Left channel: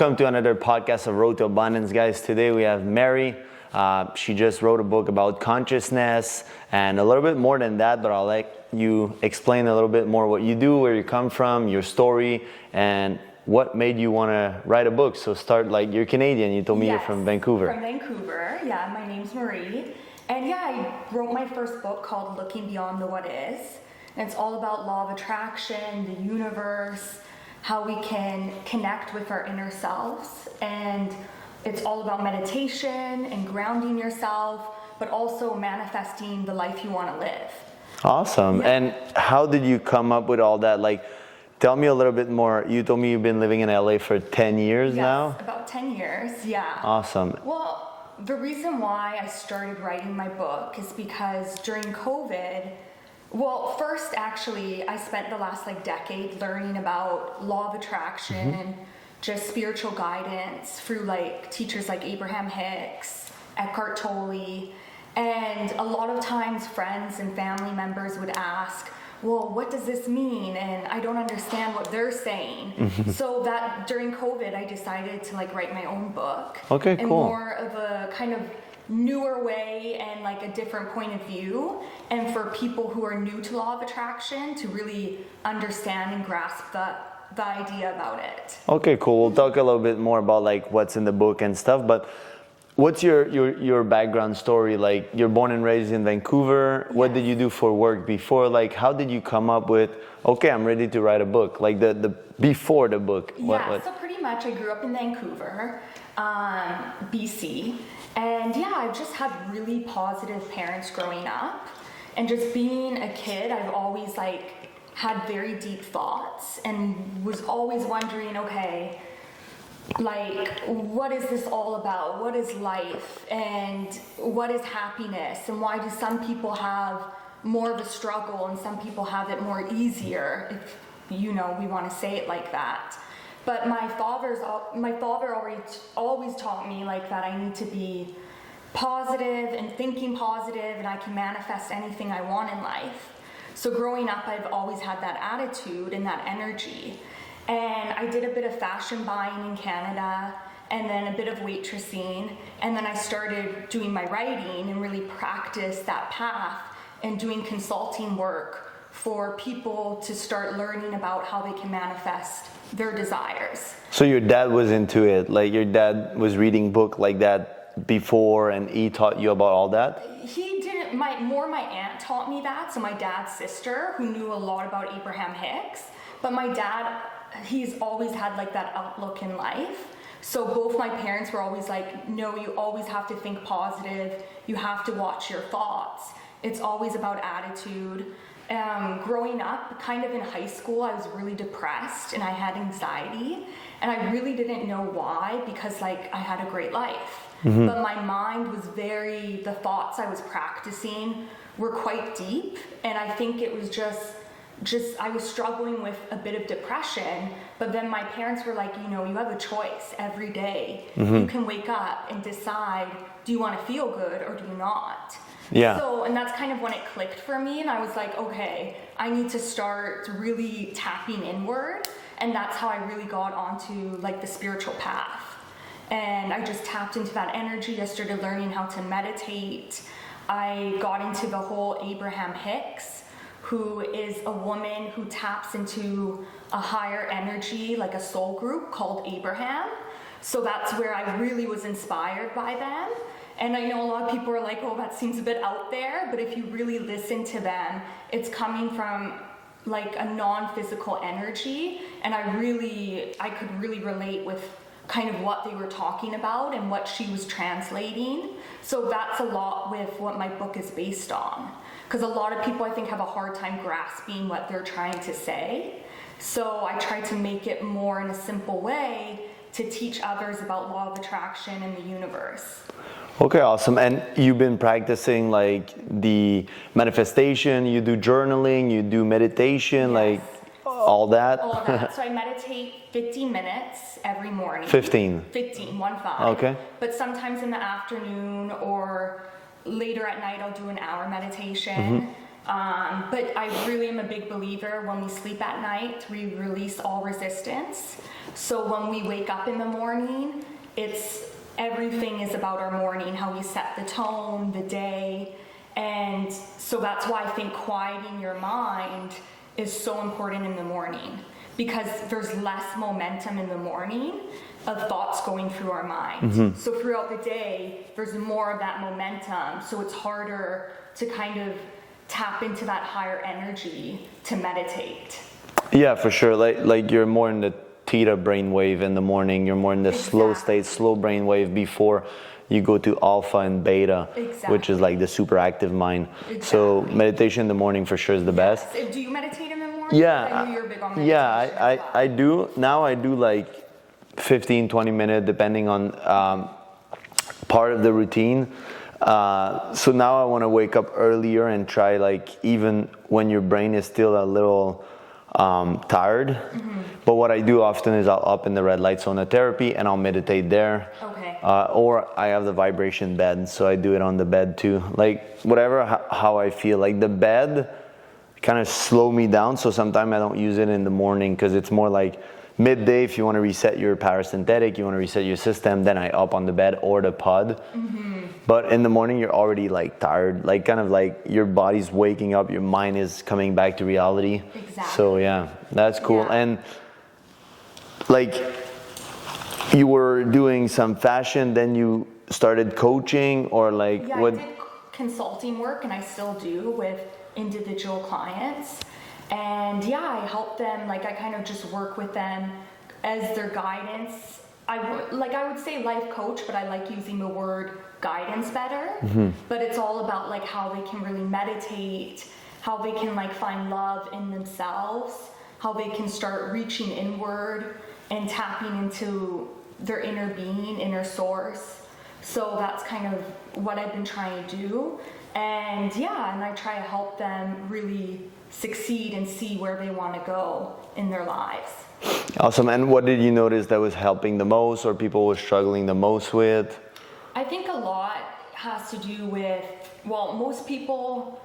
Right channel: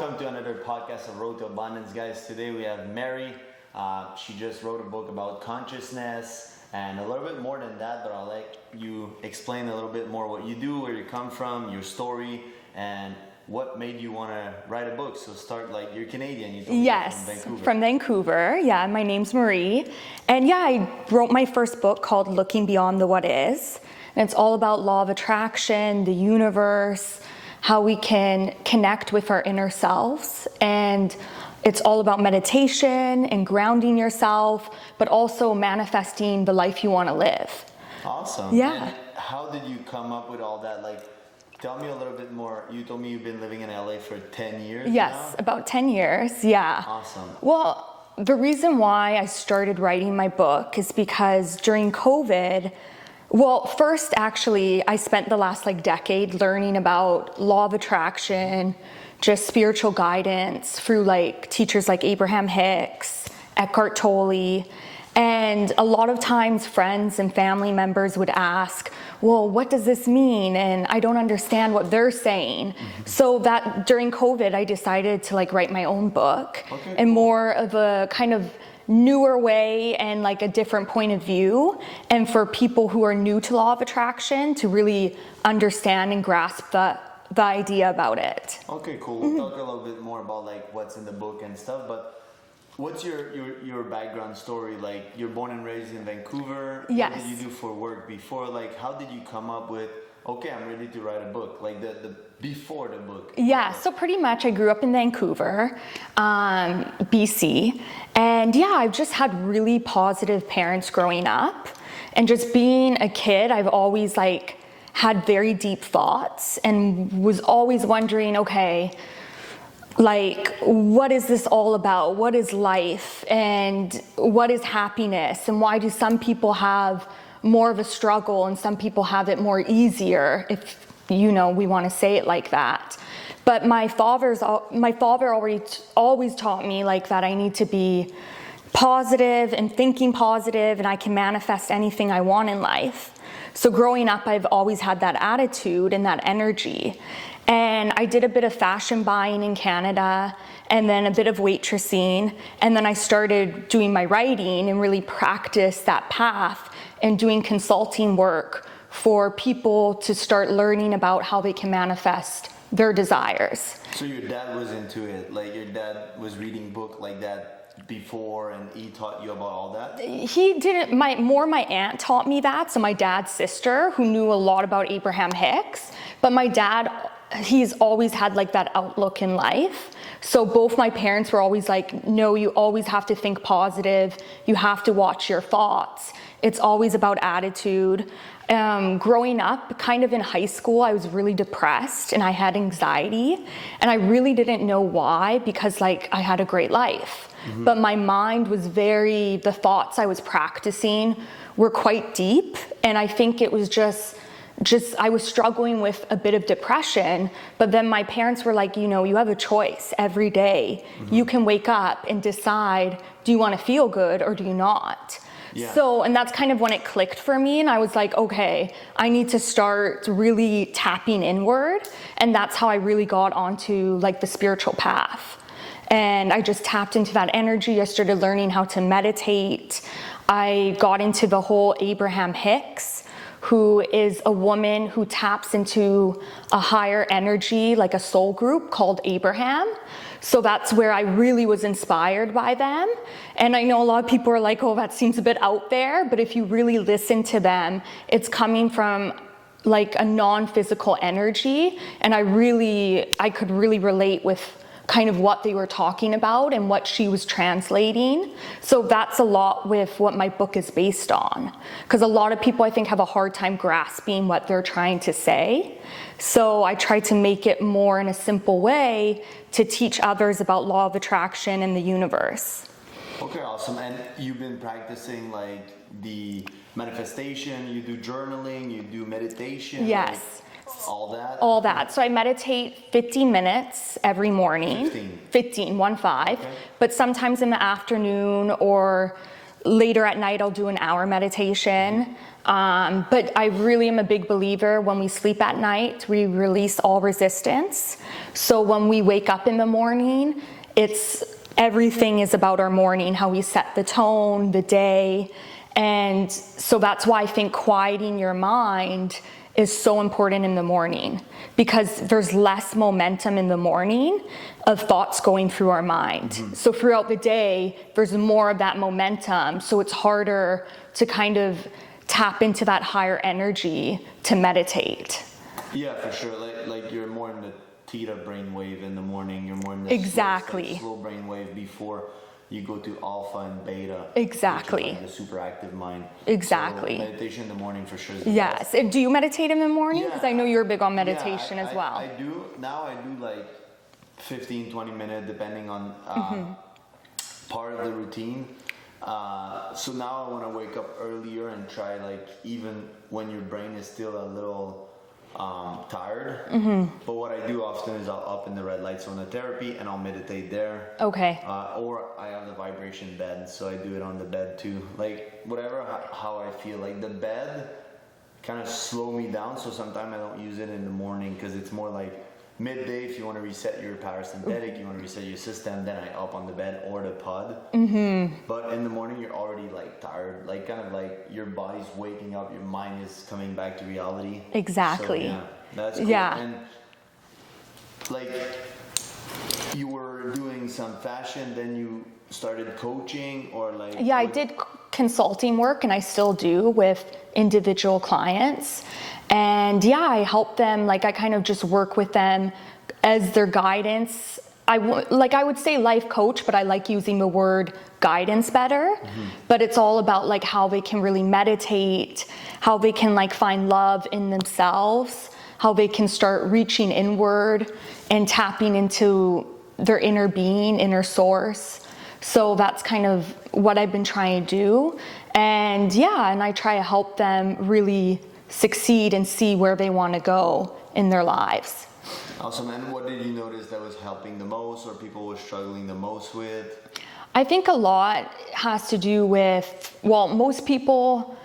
Welcome to another podcast of Road to Abundance, guys. Today we have Mary. She just wrote a book about consciousness and a little bit more than that, but I'll let you explain a little bit more what you do, where you come from, your story, and what made you want to write a book. So start, like, you're Canadian. You told me you're from Vancouver. From Vancouver. Yeah, my name's Marie. And yeah, I wrote my first book called Looking Beyond the What Is. And it's all about law of attraction, the universe, how we can connect with our inner selves. And it's all about meditation and grounding yourself, but also manifesting the life you want to live. Awesome. Yeah. And how did you come up with all that? Like, tell me a little bit more. You told me you've been living in LA for 10 years now? Yes, about 10 years, yeah. Awesome. Well, the reason why I started writing my book is because during COVID, well, first, actually, I spent the last decade learning about law of attraction, just spiritual guidance through teachers like Abraham Hicks, Eckhart Tolle. And a lot of times friends and family members would ask, well, what does this mean? And I don't understand what they're saying. So that during COVID, I decided to write my own book. Okay, and cool. More of a kind of newer way and a different point of view, and for people who are new to law of attraction to really understand and grasp the idea about it. Okay, cool. We'll talk a little bit more about what's in the book and stuff, but what's your background story? You're born and raised in Vancouver. Yes. What did you do for work before? How did you come up with, okay, I'm ready to write a book? The before the book. Yeah, so pretty much I grew up in Vancouver, BC. And yeah, I've just had really positive parents growing up. And just being a kid, I've always had very deep thoughts and was always wondering, okay, what is this all about? What is life? And what is happiness? And why do some people have more of a struggle and some people have it more easier, if we want to say it like that. But my father always taught me that I need to be positive and thinking positive, and I can manifest anything I want in life. So growing up, I've always had that attitude and that energy. And I did a bit of fashion buying in Canada, and then a bit of waitressing, and then I started doing my writing and really practiced that path and doing consulting work for people to start learning about how they can manifest their desires. So your dad was into it, your dad was reading book like that before, and he taught you about all that? He didn't. My aunt taught me that, so my dad's sister, who knew a lot about Abraham Hicks. But my dad, he's always had that outlook in life. So both my parents were always no, you always have to think positive, you have to watch your thoughts. It's always about attitude. Growing up, kind of in high school, I was really depressed and I had anxiety, and I really didn't know why, because I had a great life. But my mind was the thoughts I was practicing were quite deep, and I think it was just I was struggling with a bit of depression. But then my parents were you have a choice every day. You can wake up and decide, do you want to feel good or do you not? Yeah. So, and that's kind of when it clicked for me, and I was okay, I need to start really tapping inward, and that's how I really got onto the spiritual path. And I just tapped into that energy. I started learning how to meditate. I got into the whole Abraham Hicks, who is a woman who taps into a higher energy, a soul group called Abraham. So that's where I really was inspired by them. And I know a lot of people are oh, that seems a bit out there, but if you really listen to them, it's coming from a non-physical energy. And I could really relate with kind of what they were talking about and what she was translating. So that's a lot with what my book is based on. Because a lot of people, I think, have a hard time grasping what they're trying to say. So I try to make it more in a simple way to teach others about law of attraction and the universe. Okay, awesome. And you've been practicing the manifestation, you do journaling, you do meditation, Yes. all that? All that. So I meditate 15 minutes every morning. 15? 15, 1-5. Okay. But sometimes in the afternoon or later at night, I'll do an hour meditation. But I really am a big believer when we sleep at night, we release all resistance. So when we wake up in the morning, everything is about our morning, how we set the tone, the day. And so that's why I think quieting your mind is so important in the morning, because there's less momentum in the morning of thoughts going through our mind. So throughout the day, there's more of that momentum. So it's harder to kind of tap into that higher energy to meditate. Yeah, for sure. Like you're more in the theta brainwave in the morning. You're more in the slow state, slow brainwave before you go to alpha and beta, which is like the super active mind. So meditation in the morning for sure is the best. Yes. Do you meditate in the morning? Yeah. Because I know you're big on meditation as well. I do. Now I do like 15, 20 minutes, depending on part of the routine. So now I want to wake up earlier and try, like, even when your brain is still a little tired. But what I do often is I'll up in the red light sauna therapy and I'll meditate there. Okay. Or I have the vibration bed, so I do it on the bed too. Like whatever, how I feel. Like the bed kind of slow me down, so sometimes I don't use it in the morning because it's more like midday. If you want to reset your parasympathetic, you want to reset your system, then I up on the bed or the pod. But in the morning you're already like tired, like kind of like your body's waking up, your mind is coming back to reality. Exactly. So yeah, that's cool. Yeah. And like you were doing some fashion, then you started coaching, or like I did consulting work, and I still do with individual clients. And I help them, like I kind of just work with them as their guidance. I would say life coach, but I like using the word guidance better. But it's all about like how they can really meditate, how they can like find love in themselves, how they can start reaching inward and tapping into their inner being, inner source. So that's kind of what I've been trying to do. And and I try to help them really succeed and see where they want to go in their lives. Awesome. And what did you notice that was helping the most, or people were struggling the most with? I think a lot has to do with, most people,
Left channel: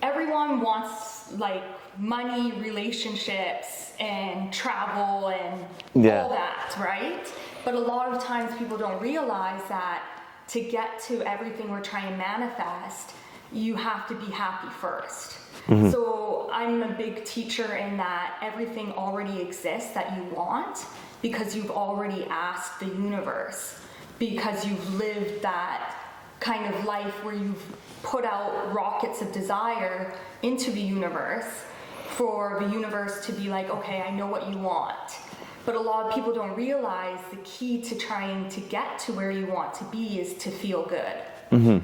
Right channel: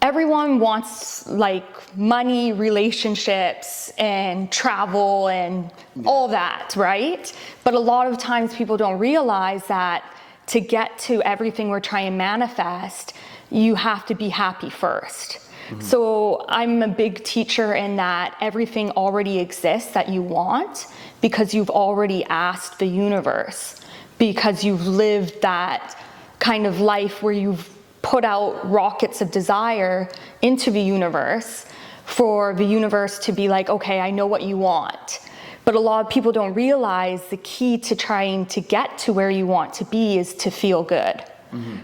everyone wants like money, relationships, and travel and all that, right? But a lot of times people don't realize that to get to everything we're trying to manifest, you have to be happy first. So I'm a big teacher in that everything already exists that you want, because you've already asked the universe, because you've lived that kind of life where you've put out rockets of desire into the universe for the universe to be like, okay, I know what you want. But a lot of people don't realize the key to trying to get to where you want to be is to feel good.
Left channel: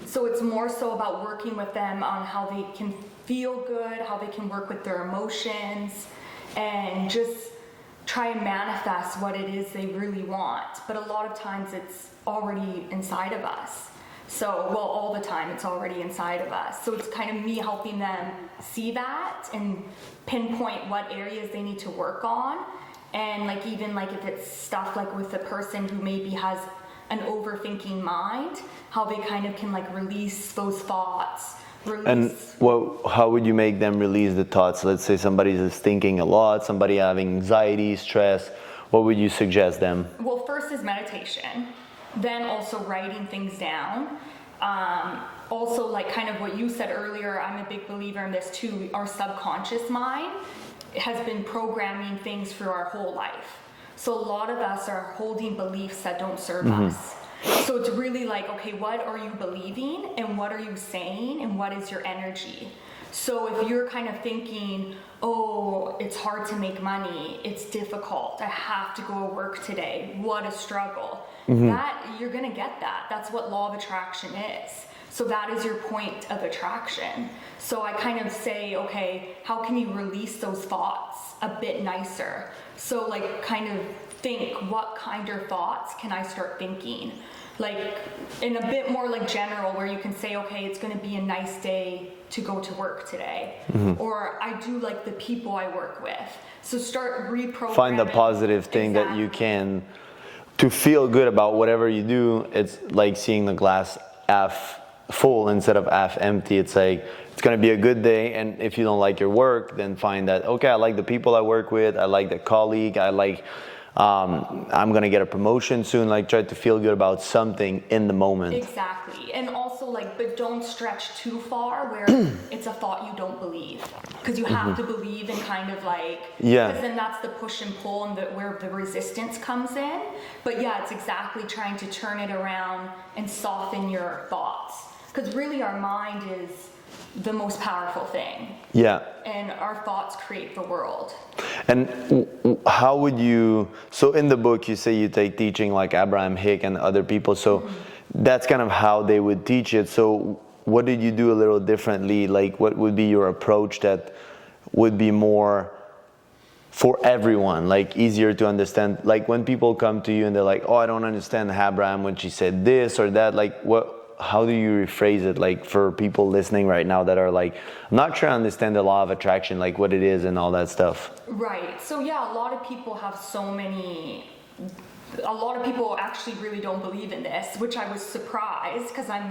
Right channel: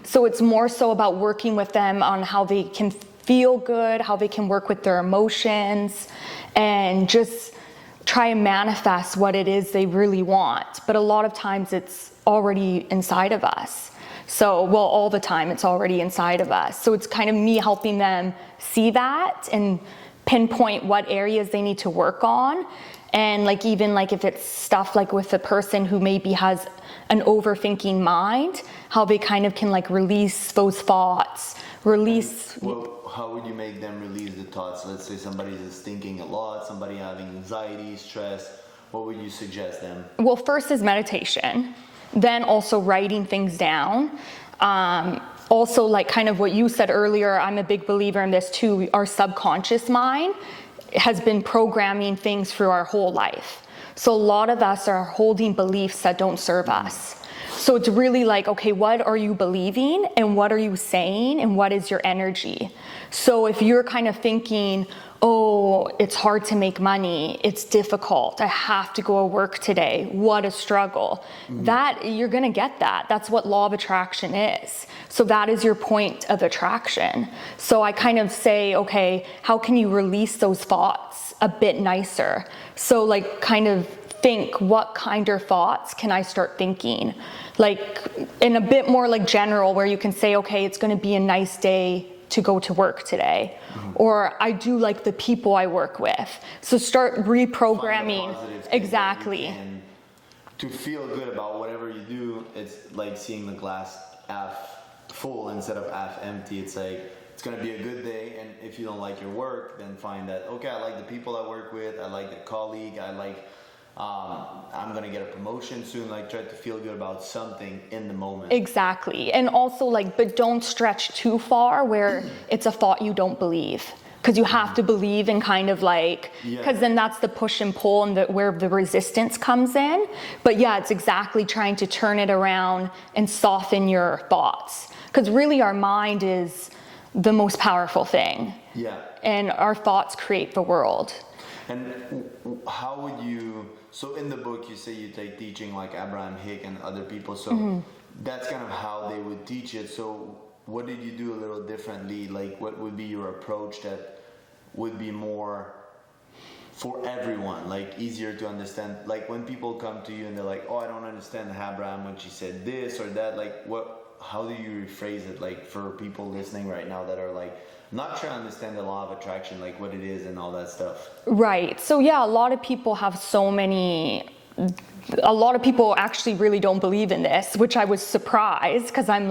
So it's more so about working with them on how they can feel good, how they can work with their emotions, and just try and manifest what it is they really want. But a lot of times it's already inside of us. So, all the time it's already inside of us. So it's kind of me helping them see that and pinpoint what areas they need to work on. And like even like if it's stuff like with a person who maybe has an overthinking mind, how they kind of can like release those thoughts. And how would you make them release the thoughts? Let's say somebody is thinking a lot, somebody having anxiety, stress. What would you suggest them? Well, first is meditation, then also writing things down. Also, like kind of what you said earlier, I'm a big believer in this too. Our subconscious mind has been programming things through our whole life. So a lot of us are holding beliefs that don't serve us. So it's really like, okay, what are you believing and what are you saying and what is your energy? So if you're kind of thinking, oh, it's hard to make money, it's difficult, I have to go to work today, what a struggle, that you're gonna get that. That's what law of attraction is. So that is your point of attraction. So I kind of say, okay, how can you release those thoughts a bit nicer? So like kind of think, what kind of thoughts can I start thinking? Like in a bit more like general, where you can say, okay, it's going to be a nice day to go to work today. Or I do like the people I work with. So start reprogramming. Find a positive thing that you can, to feel good about whatever you do. It's like seeing the glass half full instead of half empty. It's like it's going to be a good day. And if you don't like your work, then find that, okay, I like the people I work with, I like the colleague, I like, I'm going to get a promotion soon. Like, try to feel good about something in the moment. Exactly. And also, like, but don't stretch too far where it's a thought you don't believe. Because you have to believe in kind of like, because then that's the push and pull and where the resistance comes in. But yeah, it's exactly trying to turn it around and soften your thoughts. Because really our mind is the most powerful thing. Yeah. And our thoughts create the world. And how would you, so in the book you say you take teaching like Abraham Hicks and other people, so that's kind of how they would teach it. So what did you do a little differently? Like, what would be your approach that would be more for everyone, like easier to understand? Like when people come to you and they're like, oh, I don't understand Abraham when she said this or that, like how do you rephrase it, like for people listening right now that are like, I'm not sure I understand the law of attraction, like what it is and all that stuff? Right. So yeah, a lot of people have a lot of people actually really don't believe in this, which I was surprised because I'm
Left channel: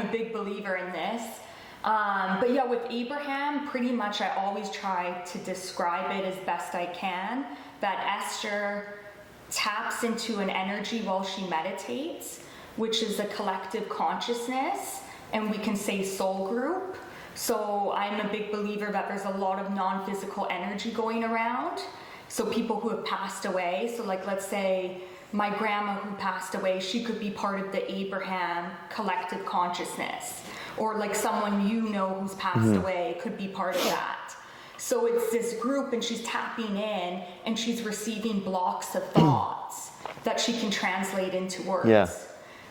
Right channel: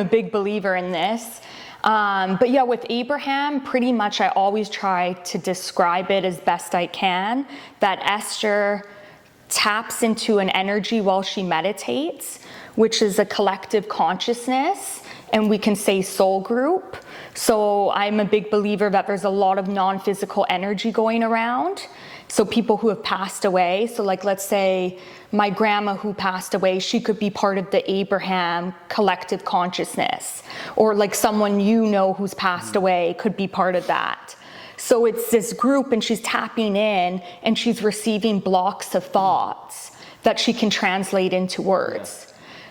a big believer in this. But yeah, with Abraham, pretty much I always try to describe it as best I can, that Esther taps into an energy while she meditates, which is a collective consciousness, and we can say soul group. So I'm a big believer that there's a lot of non-physical energy going around. So people who have passed away, so like let's say my grandma who passed away, she could be part of the Abraham collective consciousness. Or like someone you know who's passed away could be part of that. So it's this group and she's tapping in and she's receiving blocks of thoughts that she can translate into words. Yeah.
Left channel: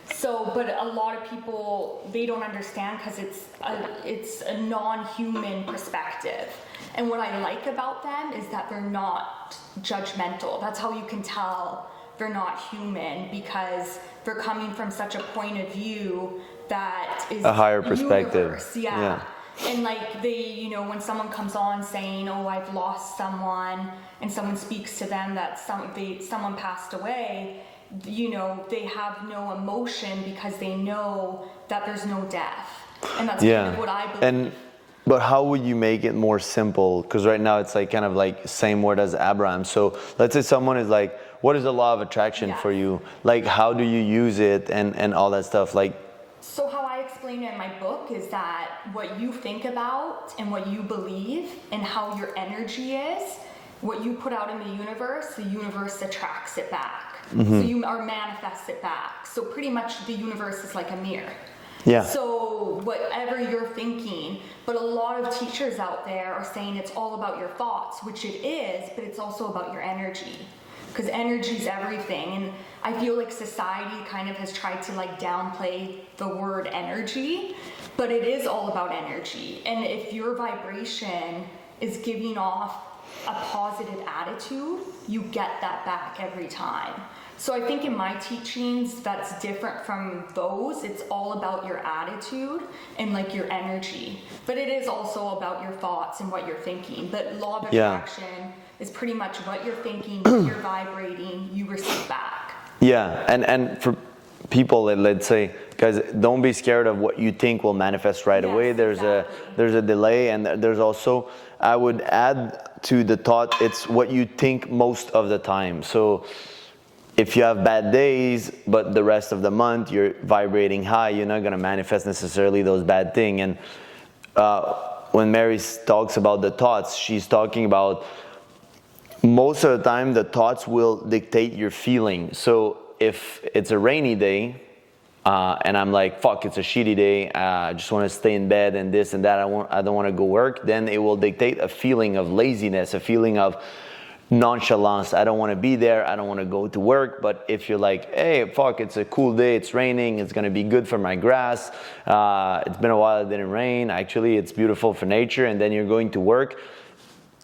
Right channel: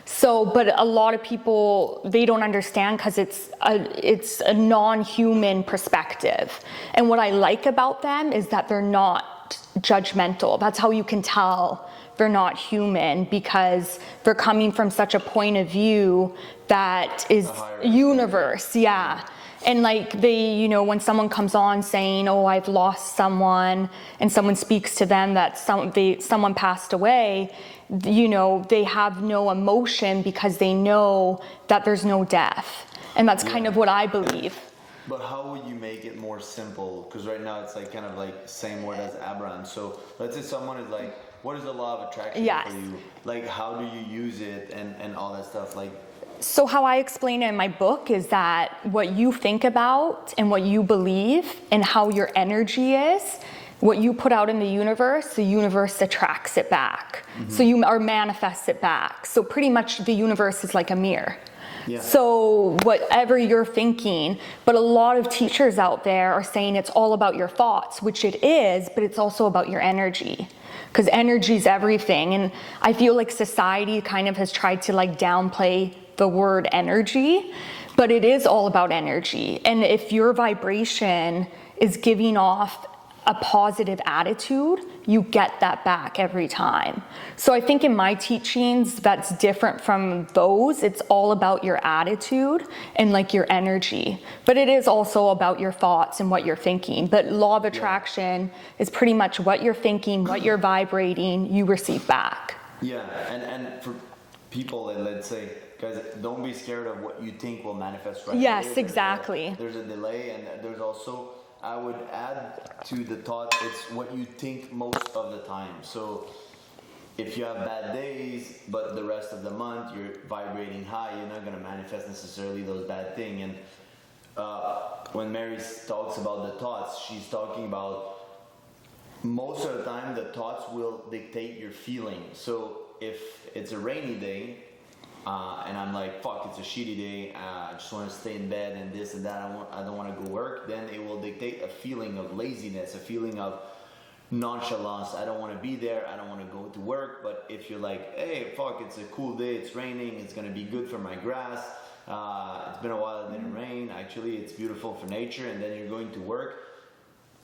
So, but a lot of people, they don't understand because it's a non-human perspective. And what I like about them is that they're not judgmental. That's how you can tell they're not human, because they're coming from such a point of view that is a higher perspective. Universe. Yeah. And like they, when someone comes on saying, oh, I've lost someone, and someone speaks to them that someone passed away, they have no emotion because they know that there's no death. And that's kind of what I believe. But how would you make it more simple? Because right now it's like kind of like same word as Abraham. So let's say someone is like, what is the law of attraction for you? Like, how do you use it and all that stuff? Like, so how I explain it in my book is that what you think about and what you believe and how your energy is, what you put out in the universe attracts it back. So you manifests it back. So pretty much the universe is like a mirror. Yeah. So whatever you're thinking, but a lot of teachers out there are saying it's all about your thoughts, which it is, but it's also about your energy. Because energy is everything. And I feel like society kind of has tried to like downplay the word energy, but it is all about energy. And if your vibration is giving off a positive attitude, you get that back every time. So I think in my teachings, that's different from those. It's all about your attitude and like your energy, but it is also about your thoughts and what you're thinking. But law of attraction is pretty much what you're thinking, what you're vibrating, you receive back. Yeah, and for people, let's say, guys, don't be scared of what you think will manifest right away. There's a delay, and there's also, I would add to the thought, it's what you think most of the time. So if you have bad days, but the rest of the month you're vibrating high, you're not going to manifest necessarily those bad things. And when Mary talks about the thoughts, she's talking about most of the time the thoughts will dictate your feeling. So if it's a rainy day, and I'm like, fuck, it's a shitty day, I just want to stay in bed and this and that, I don't want to go work, then it will dictate a feeling of laziness, a feeling of nonchalance. I don't want to be there, I don't want to go to work. But if you're like, hey, fuck, it's a cool day, it's raining, it's going to be good for my grass, it's been a while it didn't rain, actually it's beautiful for nature, and then you're going to work,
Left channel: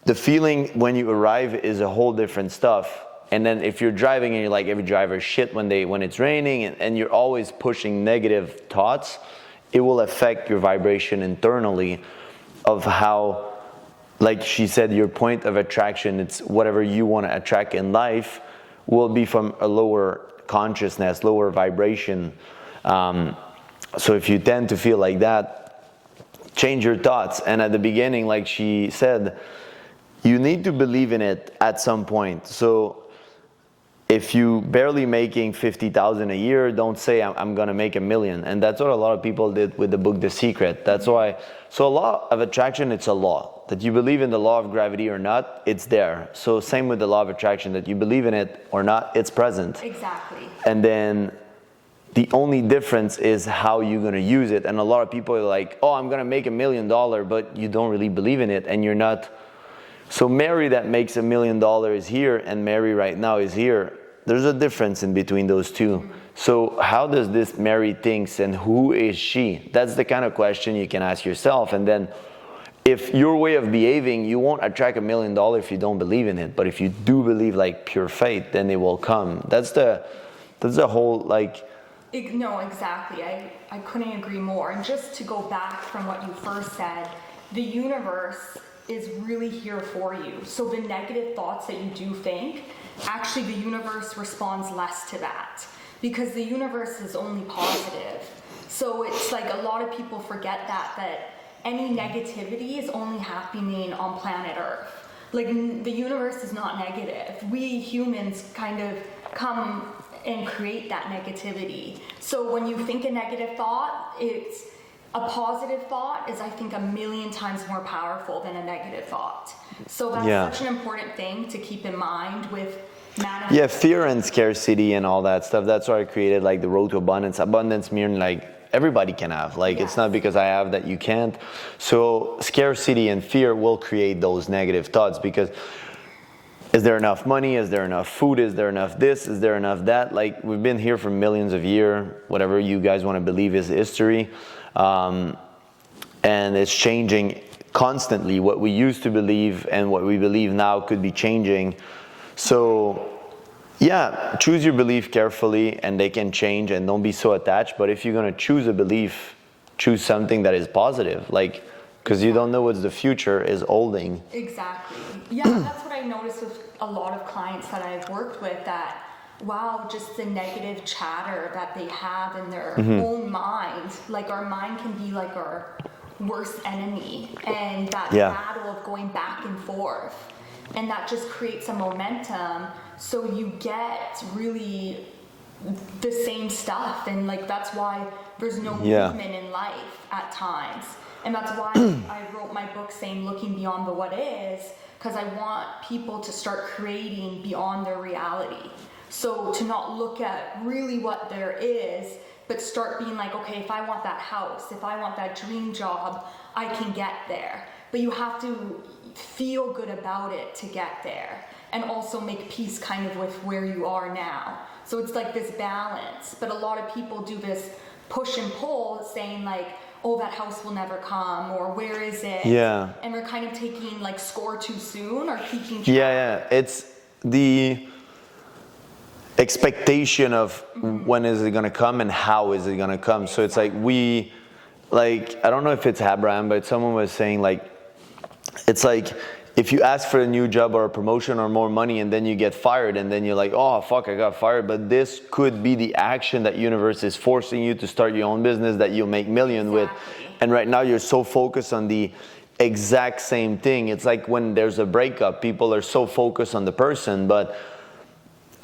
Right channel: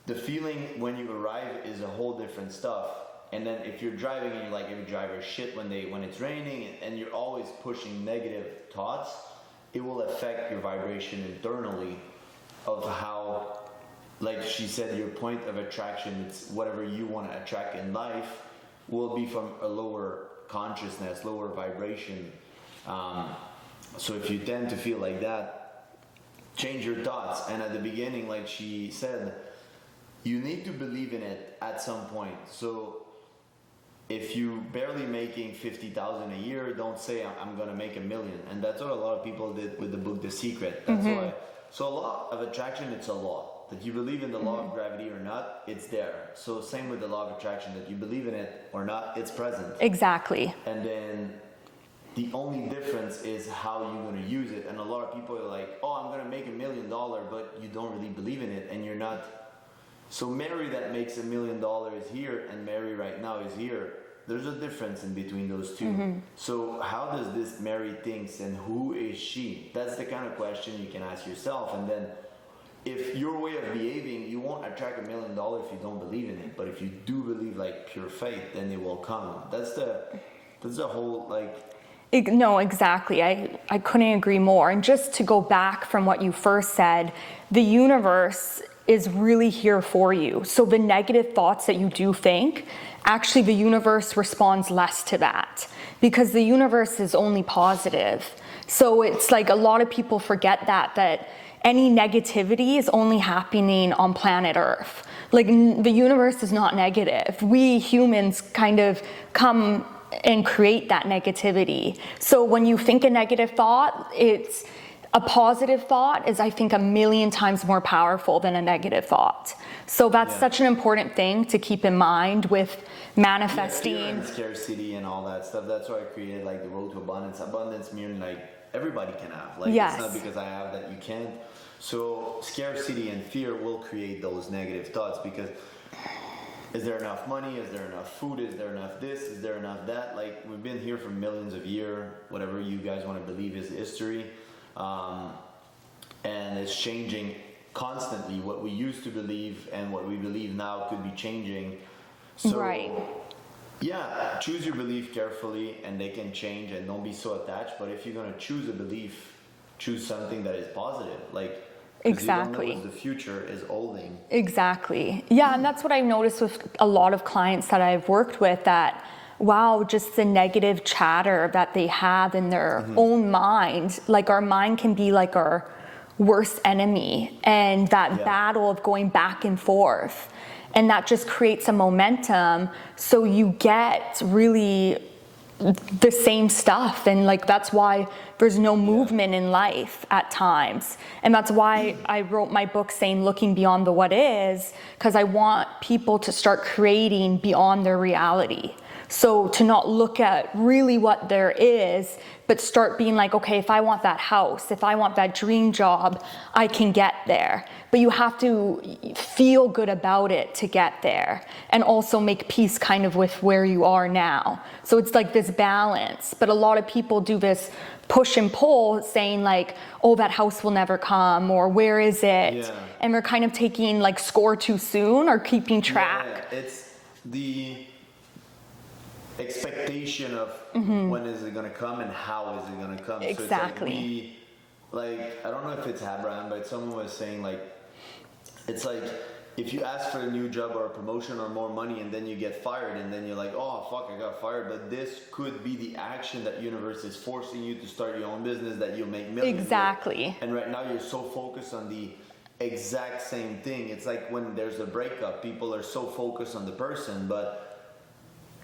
the feeling when you arrive is a whole different stuff. And then if you're driving and you're like, every driver shit when it's raining, and you're always pushing negative thoughts, it will affect your vibration internally of how, like she said, your point of attraction, it's whatever you want to attract in life will be from a lower consciousness, lower vibration. So if you tend to feel like that, change your thoughts. And at the beginning, like she said, you need to believe in it at some point. So if you barely making 50,000 a year, don't say I'm gonna make $1 million. And that's what a lot of people did with the book The Secret. That's why. So a law of attraction, it's a law. That you believe in the law of gravity or not, it's there. So same with the law of attraction, that you believe in it or not, it's present. Exactly. And then the only difference is how you're gonna use it. And a lot of people are like, oh, I'm gonna make $1 million, but you don't really believe in it, and you're not. So Mary that makes $1 million is here, and Mary right now is here. There's a difference in between those two. So how does this Mary thinks, and who is she? That's the kind of question you can ask yourself. And then if your way of behaving, you won't attract $1 million if you don't believe in it. But if you do believe like pure faith, then it will come. That's the whole like. No, exactly. I couldn't agree more. And just to go back from what you first said, the universe is really here for you. So the negative thoughts that you do think, actually the universe responds less to that, because the universe is only positive. So it's like a lot of people forget that any negativity is only happening on planet Earth. Like the universe is not negative. We humans kind of come and create that negativity. So when you think a negative thought, it's a positive thought is, I think, 1,000,000 times more powerful than a negative thought. So that's such an important thing to keep in mind with manifesting. Yeah, fear and scarcity and all that stuff. That's why I created like the road to abundance. Abundance meaning like everybody can have. Like it's not because I have that you can't. So scarcity and fear will create those negative thoughts, because is there enough money? Is there enough food? Is there enough this? Is there enough that? Like we've been here for millions of years. Whatever you guys want to believe is history. And it's changing constantly. What we used to believe and what we believe now could be changing. So yeah, choose your belief carefully, and they can change, and don't be so attached. But if you're going to choose a belief, choose something that is positive, like, because you don't know what the future is holding. Exactly. Yeah, and that's what I've noticed with a lot of clients that I've worked with, that wow, just the negative chatter that they have in their own mind. Like our mind can be like our worst enemy, and that battle of going back and forth. And that just creates a momentum. So you get really the same stuff. And like, that's why there's no movement in life at times. And that's why I wrote my book saying, looking beyond the what is, because I want people to start creating beyond their reality. So to not look at really what there is, but start being like, okay, if I want that house, if I want that dream job, I can get there. But you have to feel good about it to get there, and also make peace kind of with where you are now. So it's like this balance. But a lot of people do this push and pull, saying like, oh, that house will never come, or where is it? Yeah. And we're kind of taking like score too soon, or keeping track. Yeah, it's the expectation of when is it going to come and how is it going to come. So it's like I don't know if it's Abraham, but someone was saying like, it's like if you ask for a new job or a promotion or more money, and then you get fired, and then you're like, oh fuck, I got fired. But this could be the action that universe is forcing you to start your own business that you'll make millions with. And right now you're so focused on the exact same thing. It's like when there's a breakup, people are so focused on the person, but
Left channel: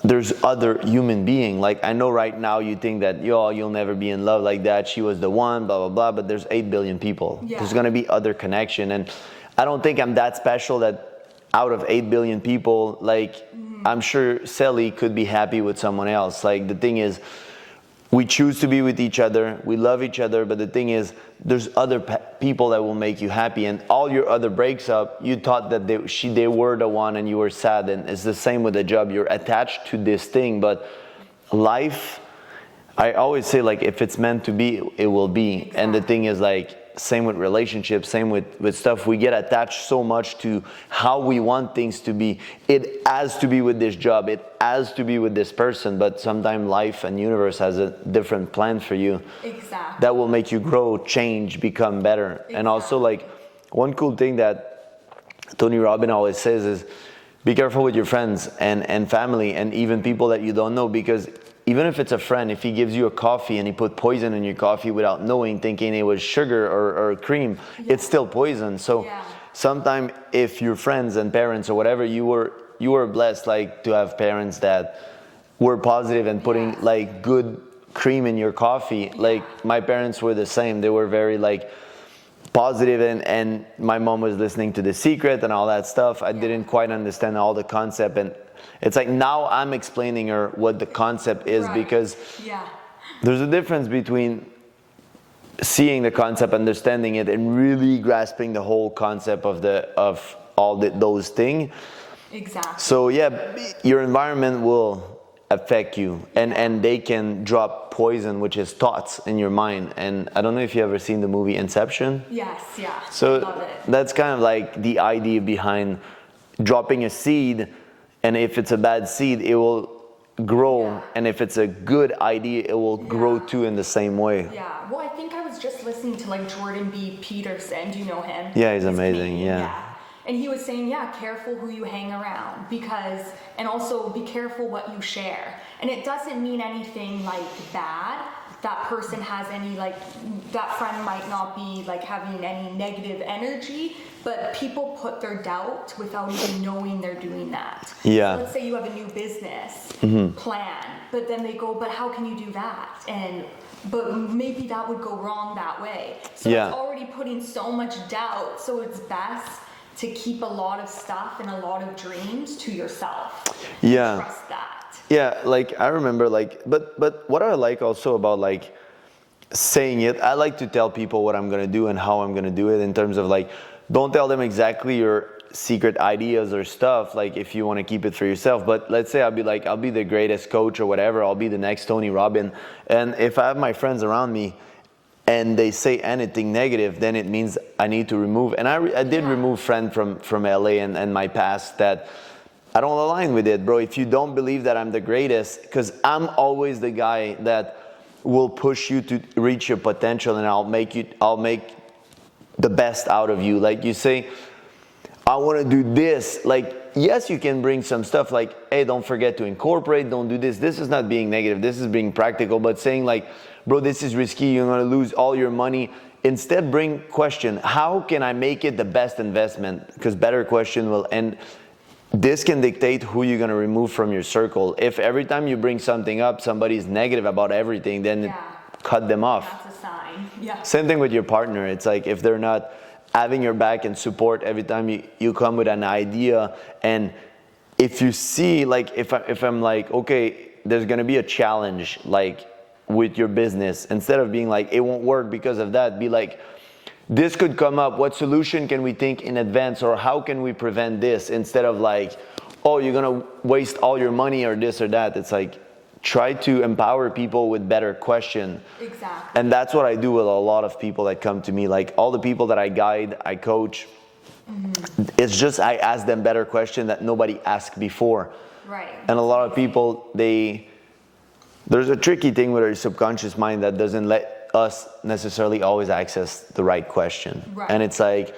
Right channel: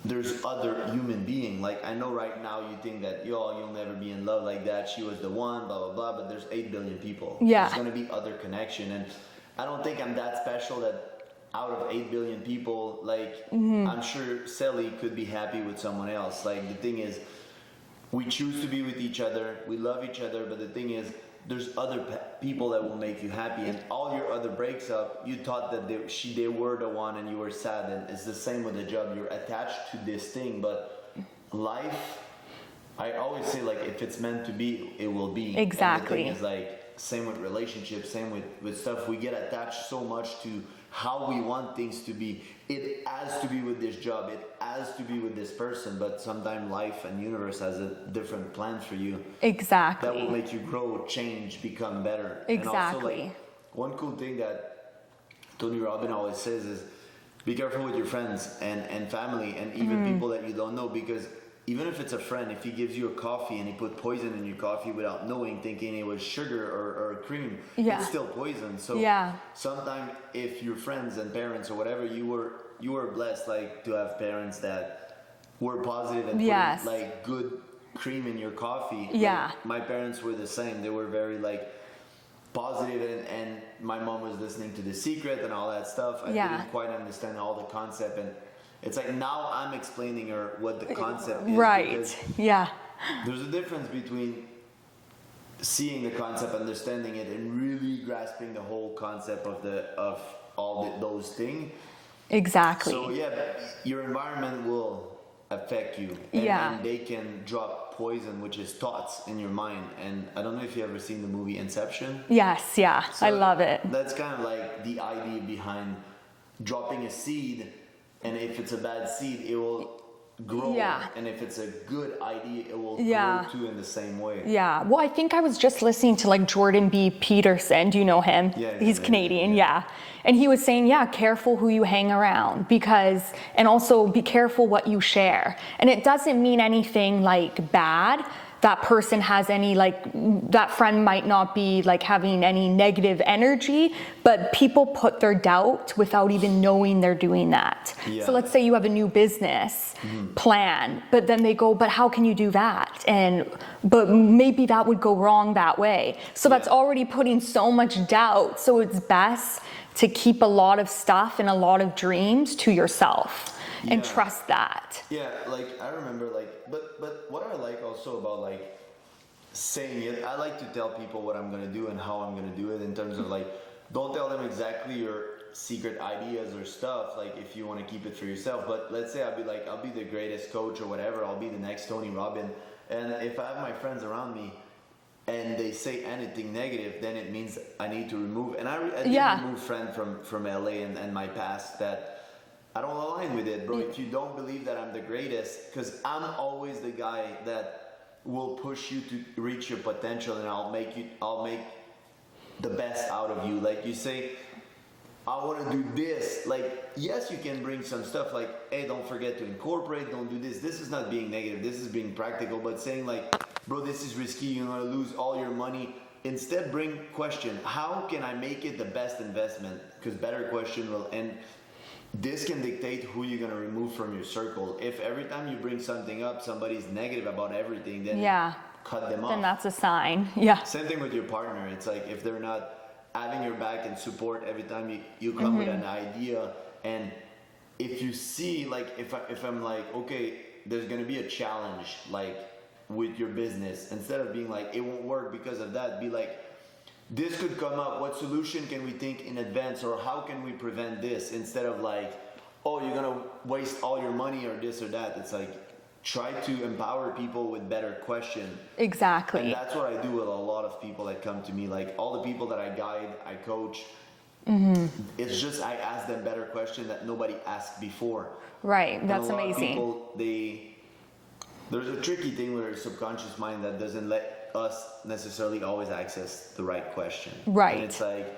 there's other human being. Like I know right now you think that you'll never be in love like that, she was the one, blah blah blah, but there's 8 billion people. There's gonna be other connection, and I don't think I'm that special that out of 8 billion people, like I'm sure Sally could be happy with someone else. Like the thing is, we choose to be with each other, we love each other, but the thing is, there's other people that will make you happy, and all your other breaks up, you thought that they were the one and you were sad. And it's the same with a job. You're attached to this thing, but life, I always say, like, if it's meant to be, it will be. And the thing is, like, same with relationships, same with stuff. We get attached so much to how we want things to be. It has to be with this job, it has to be with this person, but sometimes life and universe has a different plan for you. That will make you grow, change, become better. And also, like, one cool thing that Tony Robbins always says is, be careful with your friends and family, and even people that you don't know, because even if it's a friend, if he gives you a coffee and he put poison in your coffee without knowing, thinking it was sugar or cream, it's still poison. So sometimes if your friends and parents or whatever, you were blessed like to have parents that were positive and putting like good cream in your coffee. Like my parents were the same. They were very like positive, and my mom was listening to The Secret and all that stuff. I didn't quite understand all the concept, and it's like now I'm explaining her what the concept is, because there's a difference between seeing the concept, understanding it, and really grasping the whole concept of those things. Exactly. So your environment will affect you, and they can drop poison, which is thoughts in your mind. And I don't know if you ever seen the movie Inception. Yes, So I love it. That's kind of like the idea behind dropping a seed, and if it's a bad seed, it will grow, and if it's a good idea, it will grow too in the same way. Yeah, well, I think I was just listening to like Jordan B. Peterson. Do you know him? Yeah, he's amazing, Canadian. And he was saying, careful who you hang around, and also be careful what you share. And it doesn't mean anything like bad. That person has any, like, that friend might not be like having any negative energy, but people put their doubt without even knowing they're doing that. So let's say you have a new business plan, but then they go, but how can you do that? But maybe that would go wrong that way. So that's already putting so much doubt. So it's best to keep a lot of stuff and a lot of dreams to yourself and trust that. Yeah, like I remember, like, but what I like also about like saying it, I like to tell people what I'm gonna do and how I'm gonna do it, in terms of like, don't tell them exactly your secret ideas or stuff, like if you want to keep it for yourself. But let's say I'll be the greatest coach or whatever, I'll be the next Tony Robbins, and if I have my friends around me and they say anything negative, then it means I need to remove. And I did remove friends from LA and my past that I don't align with it, bro. If you don't believe that I'm the greatest, because I'm always the guy that will push you to reach your potential, and I'll make the best out of you. Like you say, I want to do this. Like, yes, you can bring some stuff like, hey, don't forget to incorporate, don't do this. This is not being negative. This is being practical, but saying like, bro, this is risky. You're going to lose all your money. Instead, bring question. How can I make it the best investment? Because better question will end. This can dictate who you're going to remove from your circle. If every time you bring something up, somebody's negative about everything, then cut them off. And that's a sign. Same thing with your partner. It's like if they're not having your back and support every time you come with an idea, and if you see, like, if I'm like, okay, there's going to be a challenge, like with your business, instead of being like, it won't work because of that, be like, this could come up, what solution can we think in advance, or how can we prevent this, instead of like, oh, you're gonna waste all your money or this or that. It's like, try to empower people with better question. Exactly. And that's what I do with a lot of people that come to me, like all the people that I guide, I coach. It's just I ask them better question that nobody asked before. Right. And a lot of people, there's a tricky thing with our subconscious mind that doesn't let us necessarily always access the right question. Right. And it's like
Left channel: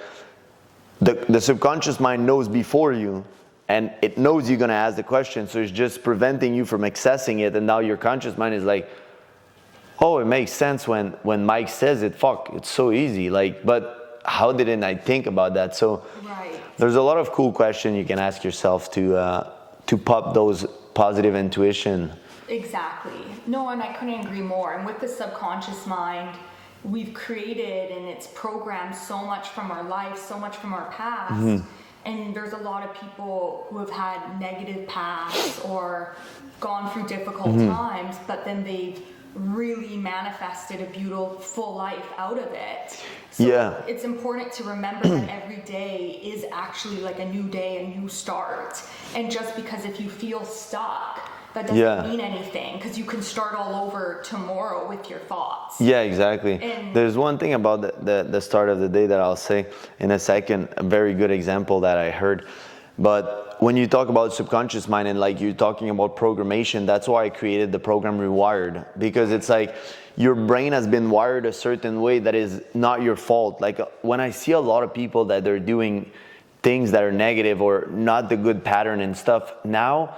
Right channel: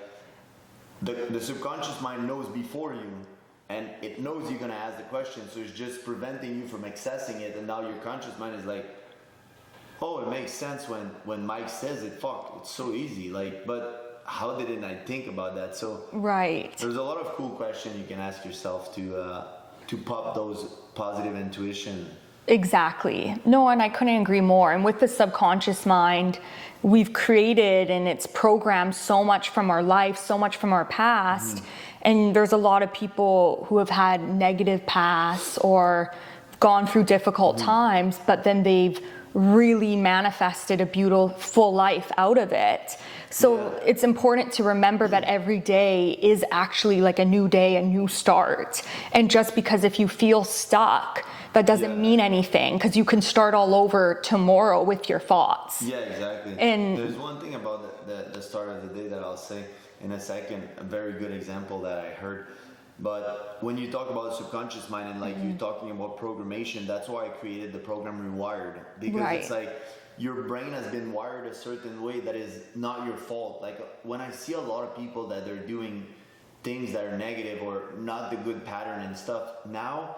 the subconscious mind knows before you, and it knows you're going to ask the question, so it's just preventing you from accessing it. And now your conscious mind is like, oh, it makes sense when Mike says it. Fuck, it's so easy. Like, but how didn't I think about that? So there's a lot of cool questions you can ask yourself to pop those positive intuition. Exactly. No, and I couldn't agree more. And with the subconscious mind, we've created and it's programmed so much from our life, so much from our past. And there's a lot of people who have had negative pasts or gone through difficult times, but then they've really manifested a beautiful life out of it. So it's important to remember that every day is actually like a new day, a new start. And just because if you feel stuck, that doesn't mean anything, because you can start all over tomorrow with your thoughts. Yeah, exactly. And there's one thing about the start of the day that I'll say in a second, a very good example that I heard. But when you talk about subconscious mind and like you're talking about programmation, that's why I created the program Rewired, because it's like your brain has been wired a certain way that is not your fault. Like when I see a lot of people that they're doing things that are negative or not the good pattern and stuff, now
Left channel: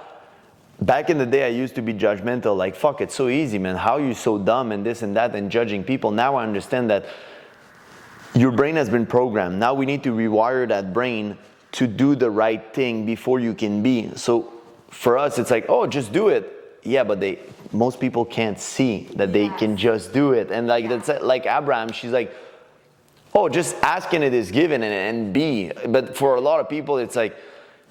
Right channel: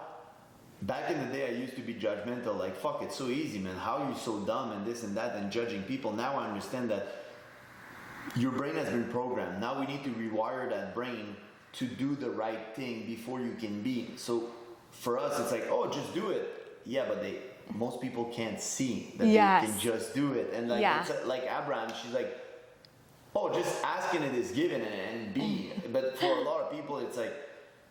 back in the day, I used to be judgmental, like, fuck, it's so easy, man. How are you so dumb and this and that and judging people? Now I understand that your brain has been programmed. Now we need to rewire that brain to do the right thing before you can be. So for us, it's like, oh, just do it. Yeah, but most people can't see that they can just do it. And like, that's like Abraham, she's like, oh, just asking it is given and be. But for a lot of people, it's like,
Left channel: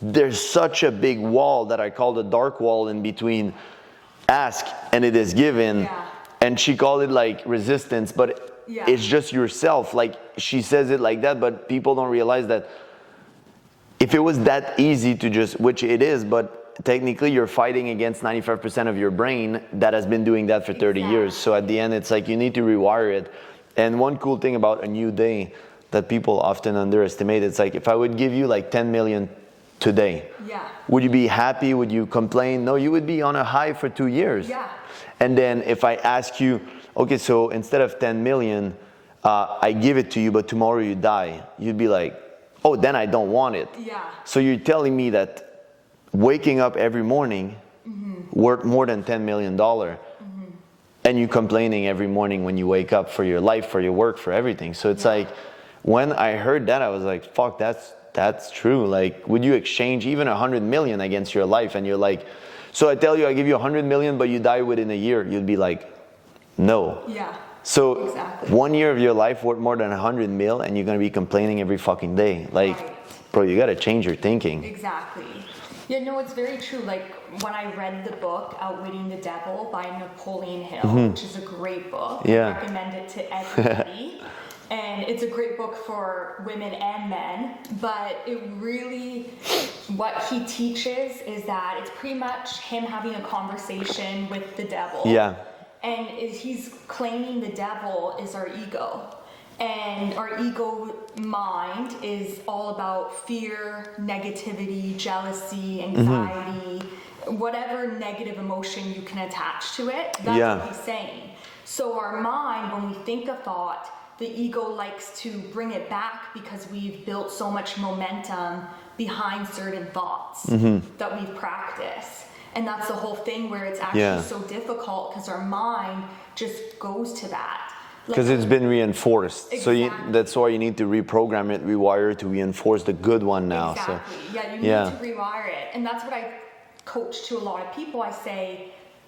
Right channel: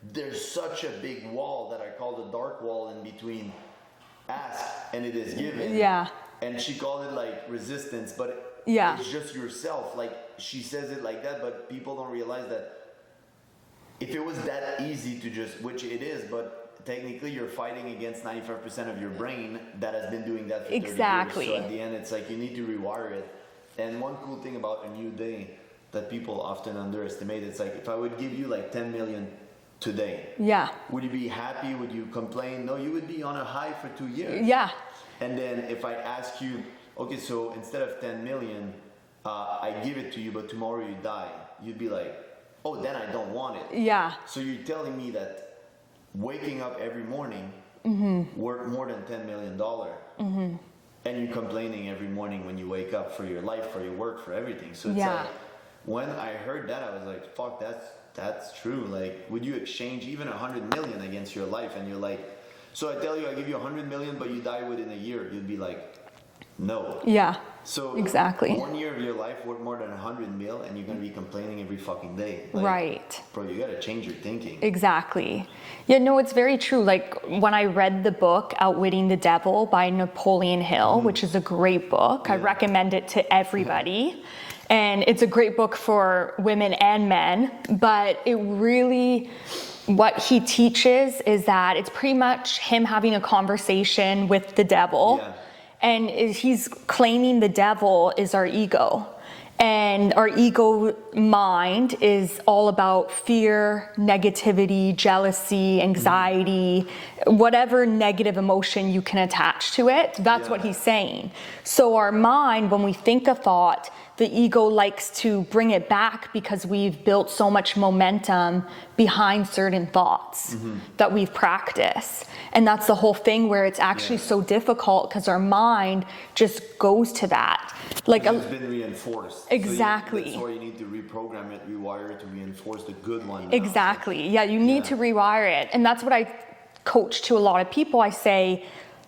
there's such a big wall that I call the dark wall in between ask and it is given. Yeah. And she called it like resistance, but it's just yourself. Like she says it like that, but people don't realize that if it was that easy to just, which it is, but technically you're fighting against 95% of your brain that has been doing that for 30 years. So at the end, it's like you need to rewire it. And one cool thing about a new day that people often underestimate, it's like if I would give you like 10 million today, would you be happy? Would you complain? No, you would be on a high for 2 years. Yeah. And then if I ask you, okay, so instead of 10 million, I give it to you, but tomorrow you die, you'd be like, oh, then I don't want it. Yeah. So you're telling me that waking up every morning worth more than $10 million, and you complaining every morning when you wake up for your life, for your work, for everything. So it's like, when I heard that, I was like, fuck, that's true. Like, would you exchange even 100 million against your life? And you're like, so I tell you, I give you 100 million, but you die within a year. You'd be like, no. Yeah. So exactly. 1 year of your life worth more than 100 mil, and you're gonna be complaining every fucking day. Like, bro, you gotta change your thinking. Exactly. Yeah, no, it's very true. Like when I read the book Outwitting the Devil by Napoleon Hill, which is a great book, I recommend it to everybody. And it's a great book for women and men, but it really, what he teaches is that it's pretty much him having a conversation with the devil. Yeah. And he's claiming the devil is our ego. And our ego mind is all about fear, negativity, jealousy, anxiety, whatever negative emotion you can attach to it. That's what he's saying. So our mind, when we think a thought, the ego likes to bring it back because we've built so much momentum behind certain thoughts that we've practiced. And that's the whole thing where it's actually so difficult because our mind just goes to that. Because it's been reinforced. Exactly. So that's why you need to reprogram it, rewire it to reinforce the good one now. Exactly. So, yeah, you need to rewire it. And that's what I coach to a lot of people. I say,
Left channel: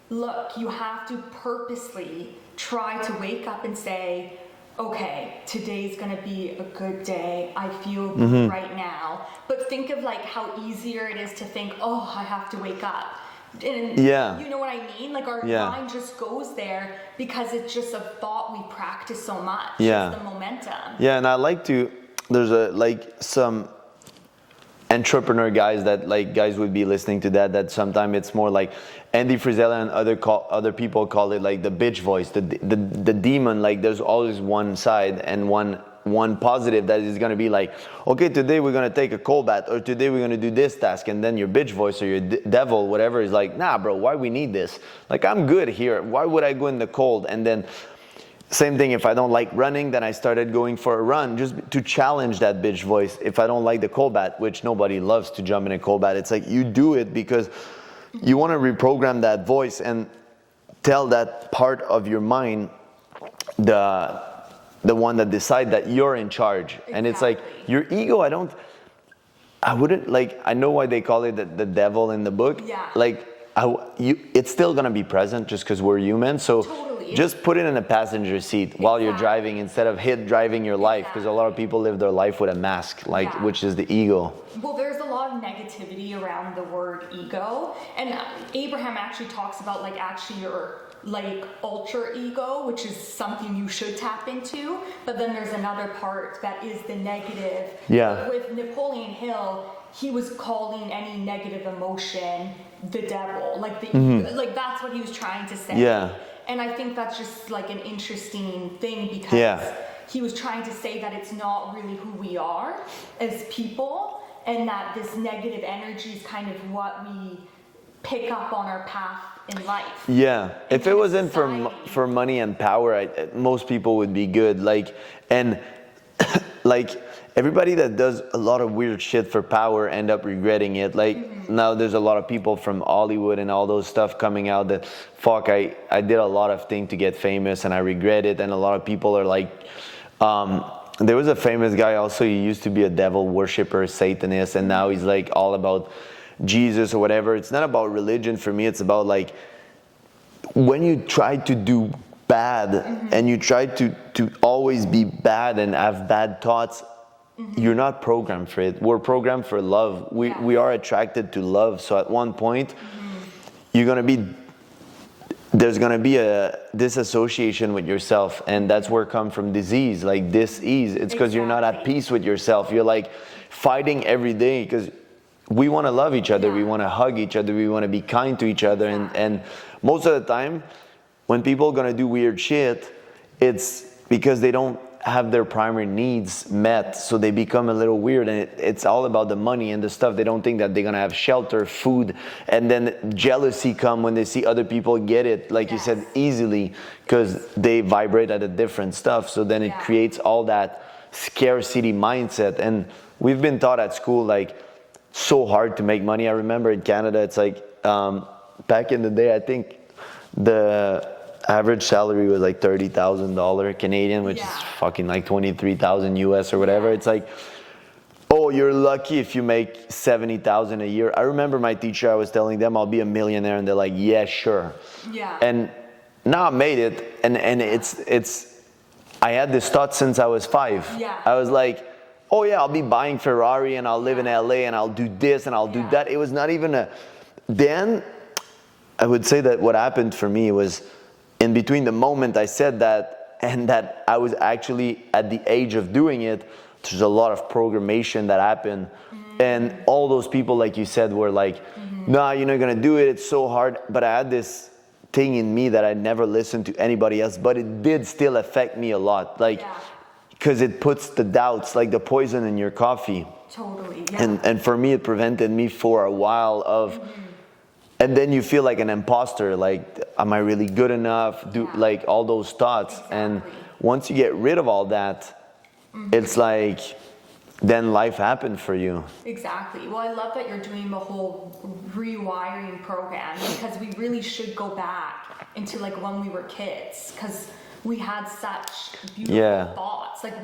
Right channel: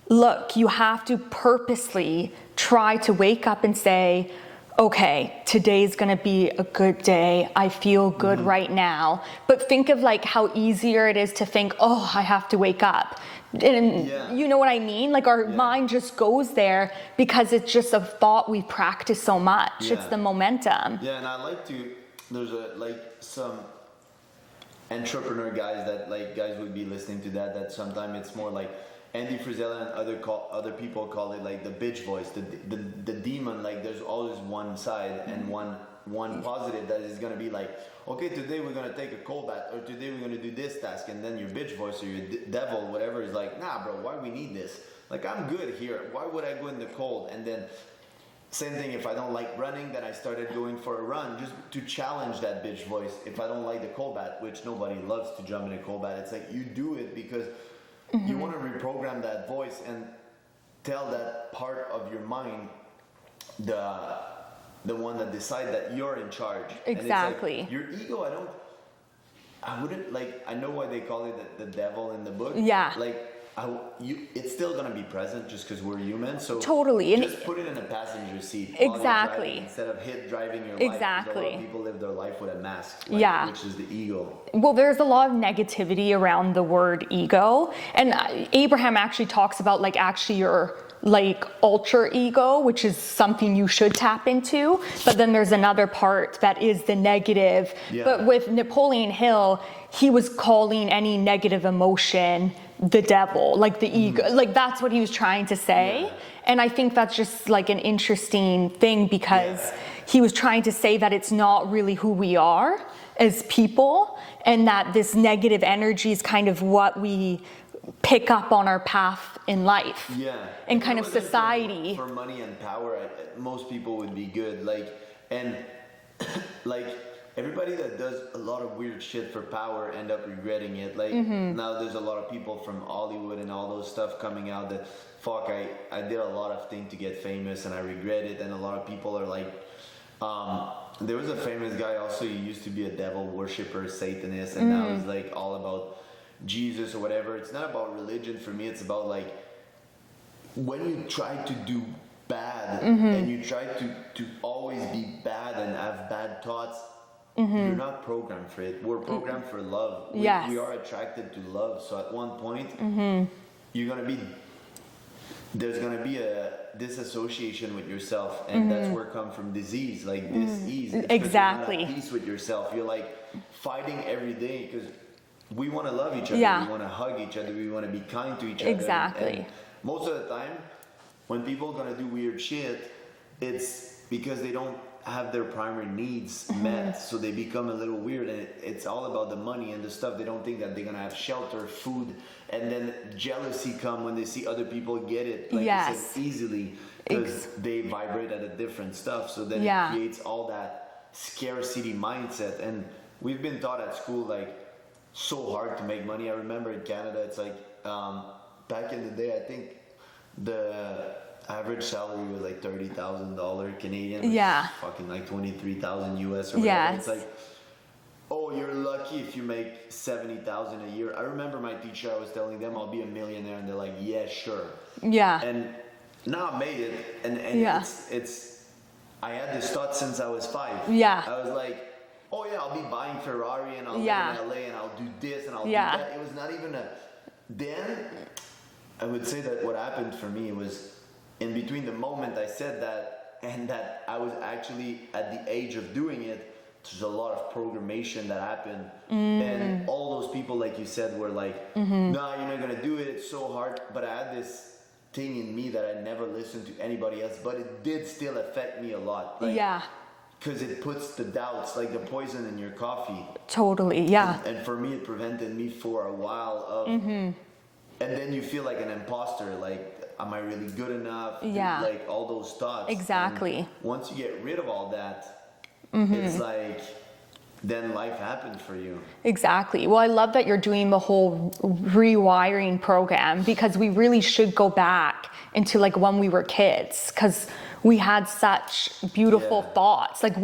look, you have to purposely try to wake up and say, okay, today's gonna be a good day. I feel good right now. But think of like how easier it is to think, oh, I have to wake up. And you know what I mean? Like our mind just goes there because it's just a thought we practice so much. It's the momentum. Yeah, and I like to, there's some entrepreneur guys that like guys would be listening to that sometimes it's more like Andy Frisella and other people call it like the bitch voice, the demon. Like there's always one side and one positive that is going to be like, okay, today we're going to take a cold bath, or today we're going to do this task, and then your bitch voice or your devil, whatever, is like, nah, bro, why we need this? Like, I'm good here. Why would I go in the cold? And then same thing, if I don't like running, then I started going for a run just to challenge that bitch voice. If I don't like the cold bath, which nobody loves to jump in a cold bath, it's like you do it because you want to reprogram that voice and tell that part of your mind, the one that decide that you're in charge. Exactly. And it's like your ego, I wouldn't like, I know why they call it the devil in the book. Yeah. Like it's still gonna be present just because we're human. So totally. Just put it in a passenger seat while you're driving instead of driving your life, because a lot of people live their life with a mask, which is the ego. Well, there's a lot of negativity around the word ego, and Abraham actually talks about like actually your like ultra ego, which is something you should tap into, but then there's another part that is the negative. But with Napoleon Hill, he was calling any negative emotion the devil, like the ego, like that's what he was trying to say. And I think that's just like an interesting thing because he was trying to say that it's not really who we are as people, and that this negative energy is kind of what we pick up on our path in life. If it wasn't for money and power, most people would be good. Like, and like everybody that does a lot of weird shit for power end up regretting it. Like now there's a lot of people from Hollywood and all those stuff coming out that, fuck, I did a lot of things to get famous and I regret it. And a lot of people are like, there was a famous guy also, he used to be a devil worshiper, Satanist, and now he's like all about Jesus or whatever. It's not about religion for me, it's about like, when you try to do bad and you try to always be bad and have bad thoughts, you're not programmed for it. We're programmed for love. We are attracted to love. So at one point, there's gonna be a disassociation with yourself, and that's where come from disease, like dis-ease. It's because you're not at peace with yourself. You're like fighting every day because we want to love each other. We want to hug each other. We want to be kind to each other. And most of the time, when people are gonna do weird shit, it's because they don't have their primary needs met, so they become a little weird, and it's all about the money and the stuff. They don't think that they're gonna have shelter, food, and then jealousy come when they see other people get it, like you said, easily, because they vibrate at a different stuff. So then it creates all that scarcity mindset. And we've been taught at school like so hard to make money. I remember in Canada, it's like back in the day, I think the average salary was like $30,000 Canadian, which is fucking like 23,000 US or whatever. It's like, oh, you're lucky if you make 70,000 a year. I remember my teacher, I was telling them I'll be a millionaire, and they're like, yeah, sure. And now I made it, and it's I had this thought since I was 5. I was like, oh yeah, I'll be buying Ferrari and I'll live in LA and I'll do this and I'll do that. It was not even then I would say that what happened for me was, in between the moment I said that and that I was actually at the age of doing it, there's a lot of programmation that happened. And all those people, like you said, were like, nah, you're not gonna do it, it's so hard. But I had this thing in me that I never listened to anybody else, but it did still affect me a lot. Like, because it puts the doubts, like the poison in your coffee. Totally, And for me, it prevented me for a while of, and then you feel like an imposter, like, am I really good enough? Like all those thoughts. And once you get rid of all that, it's like, then life happened for you. Exactly. Well, I love that you're doing the whole rewiring program, because we really should go back into like when we were kids, because we had such beautiful thoughts. Like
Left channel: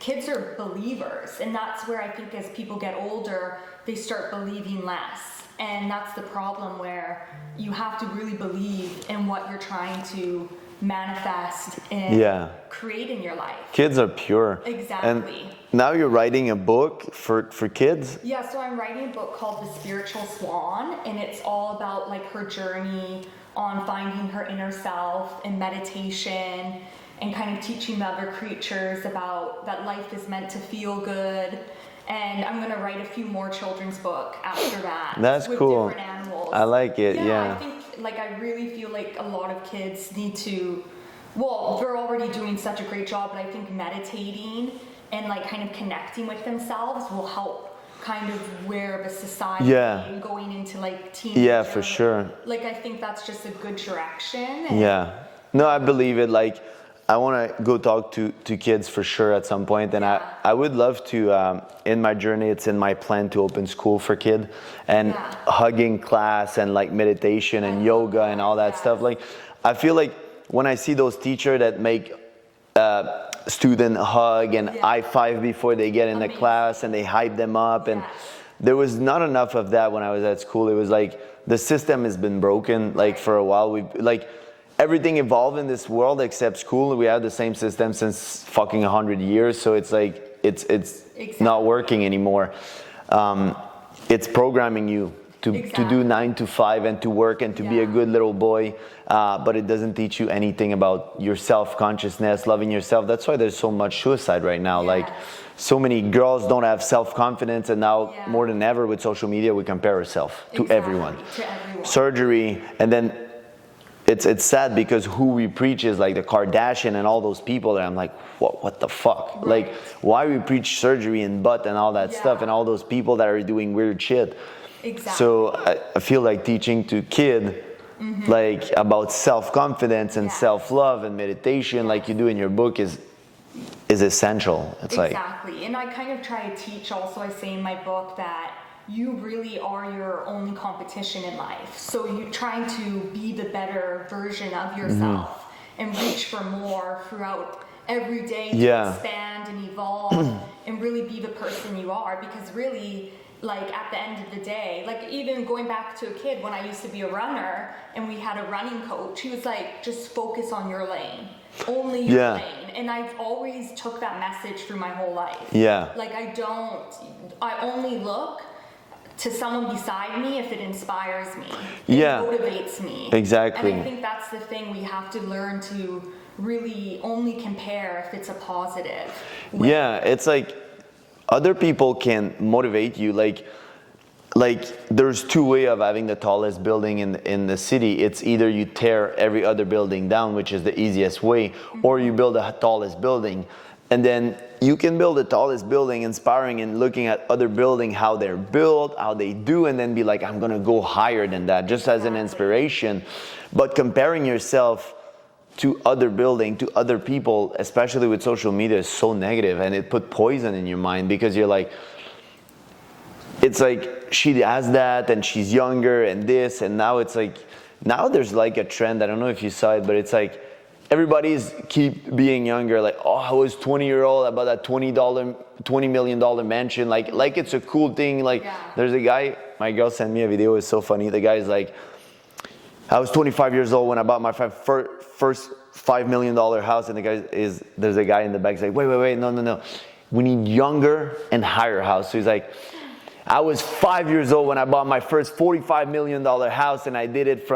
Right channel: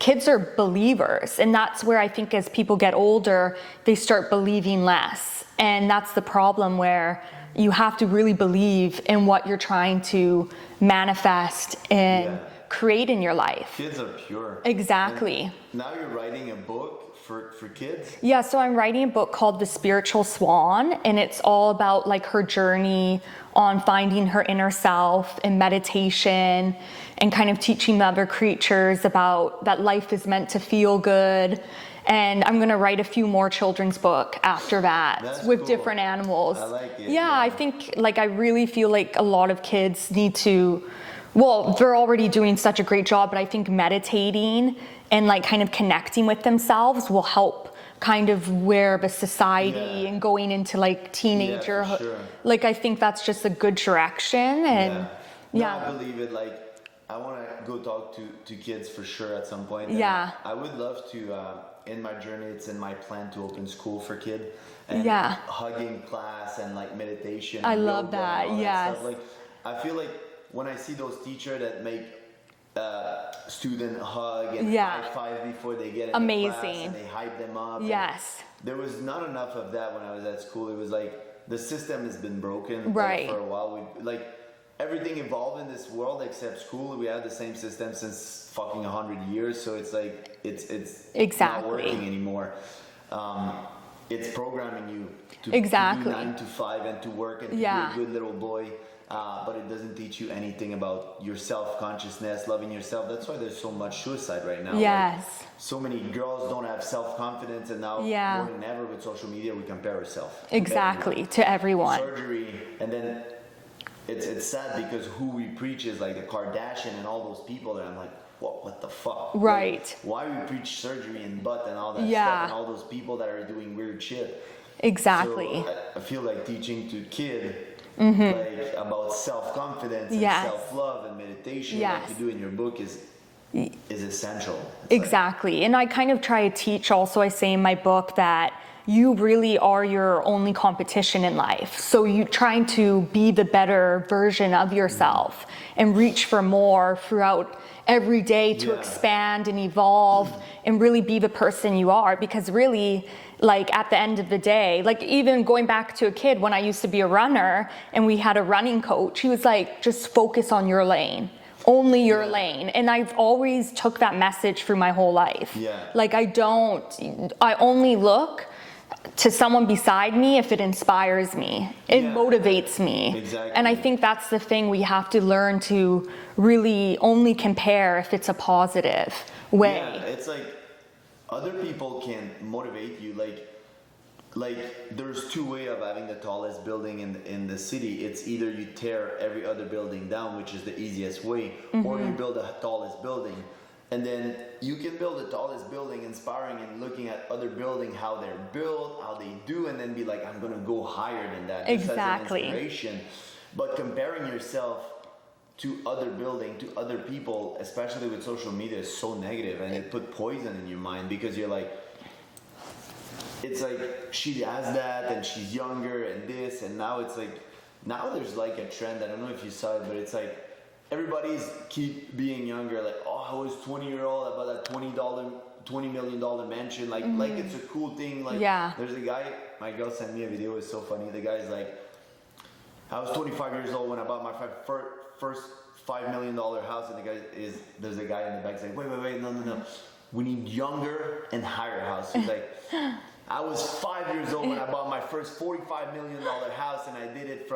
kids are believers, and that's where I think as people get older, they start believing less. And that's the problem, where you have to really believe in what you're trying to manifest and create in your life. Kids are pure. Exactly. And now you're writing a book for kids? Yeah, so I'm writing a book called The Spiritual Swan, and it's all about like her journey on finding her inner self and meditation, and kind of teaching the other creatures about that life is meant to feel good. And I'm gonna write a few more children's book after that. That's with cool. different animals. I like it. Yeah, I think like I really feel like a lot of kids need to, well, they're already doing such a great job, but I think meditating and like kind of connecting with themselves will help kind of where the society and going into like teenager. Yeah, for sure. Like I think that's just a good direction. And, I believe it. Like, I want to go talk to kids for sure at some point. And I would love to, in my journey, it's in my plan to open school for kids, and hugging class and like meditation and yoga and all that stuff. Like, I feel like when I see those teachers that make student hug and high five before they get in the class, and they hype them up. And there was not enough of that when I was at school. It was like the system has been broken like for a while. We like, everything evolved in this world except school. We have the same system since fucking 100 years. So it's like, it's not working anymore. It's programming you to do 9 to 5 and to work and to be a good little boy. But it doesn't teach you anything about your self-consciousness, loving yourself. That's why there's so much suicide right now. Like, so many girls don't have self-confidence, and now more than ever with social media, we compare ourselves to everyone. Surgery, and then it's sad because who we preach is like the Kardashian and all those people, and I'm like, what the fuck? Like, why we preach surgery and butt and all that stuff, and all those people that are doing weird shit. So I feel like teaching to kids like about self-confidence and self-love and meditation, like you do in your book, is is essential. It's exactly. And I kind of try to teach also, I say in my book that you really are your only competition in life. So you're trying to be the better version of yourself and reach for more throughout every day to expand and evolve and really be the person you are. Because really, like at the end of the day, like even going back to a kid when I used to be a runner and we had a running coach, he was like, just focus on your lane. Only your lane. And I've always took that message through my whole life. Yeah. Like I only look to someone beside me if it inspires me. It motivates me. Exactly. And I think that's the thing, we have to learn to really only compare if it's a positive way. Yeah, it's like other people can motivate you. Like there's two ways of having the tallest building in the city. It's either you tear every other building down, which is the easiest way, or you build the tallest building. And then you can build the tallest building, inspiring and looking at other buildings, how they're built, how they do, and then be like, I'm gonna go higher than that, just as an inspiration. But comparing yourself to other building, to other people, especially with social media, is so negative, and it put poison in your mind, because you're like, it's like she has that and she's younger and this, and now it's like, now there's like a trend, I don't know if you saw it, but it's like everybody's keep being younger, like, oh, I was 20-year-old, I bought that $20 million mansion, like it's a cool thing. Like there's a guy, my girl sent me a video, it's so funny. The guy's like, I was 25 years old when I bought my first $5 million house, and there's a guy in the back, he's like, wait, no, we need younger and higher house. So he's like, I was 5 years old when I bought my first $45 million house, and I did it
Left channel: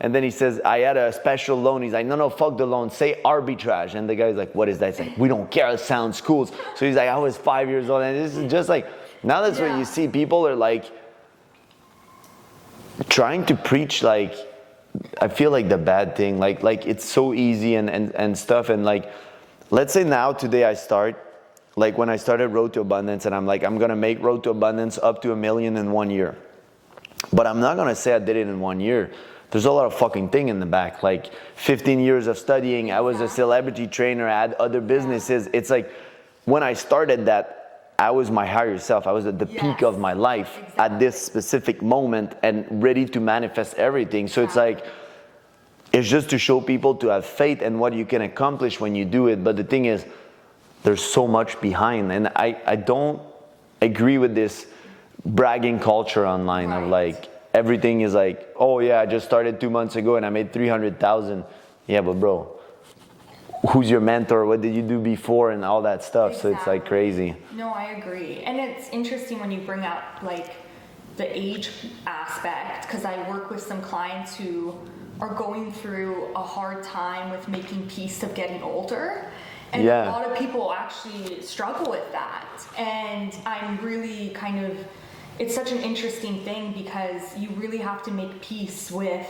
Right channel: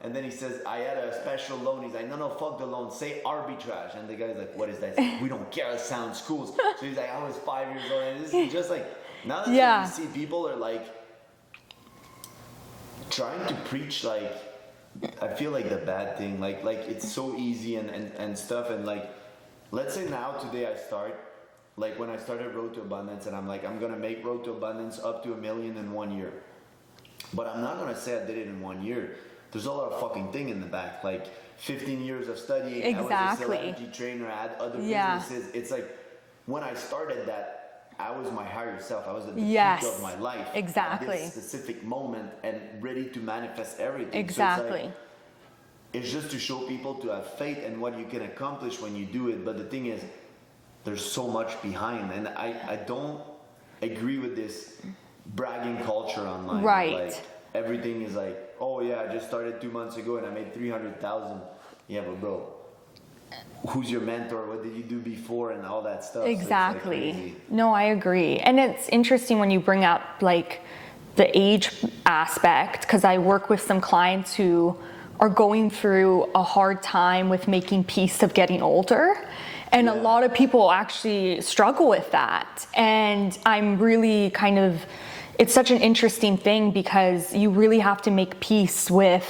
and then he says, I had a special loan. He's like, no, fuck the loan, say arbitrage. And the guy's like, what is that? He's like, we don't care, it sounds cool. So he's like, I was 5 years old, and this is just like, now that's when you see people are like, trying to preach, like, I feel like the bad thing, like it's so easy and stuff, and like, let's say now, today I start, like when I started Road to Abundance, and I'm like, I'm gonna make Road to Abundance up to $1 million in 1 year. But I'm not gonna say I did it in 1 year. There's a lot of fucking thing in the back, like 15 years of studying. I was a celebrity trainer, I had other businesses. It's like, when I started that, I was my higher self. I was at the peak of my life at this specific moment, and ready to manifest everything. So it's like, it's just to show people to have faith in what you can accomplish when you do it. But the thing is, there's so much behind, and I don't agree with this bragging culture online. Right. Like everything is like, oh yeah, I just started 2 months ago and I made 300,000. Yeah, but bro, who's your mentor? What did you do before? And all that stuff. So it's like crazy. No, I agree. And it's interesting when you bring up like the age aspect, because I work with some clients who are going through a hard time with making peace of getting older. And a lot of people actually struggle with that. And I'm really it's such an interesting thing, because you really have to make peace with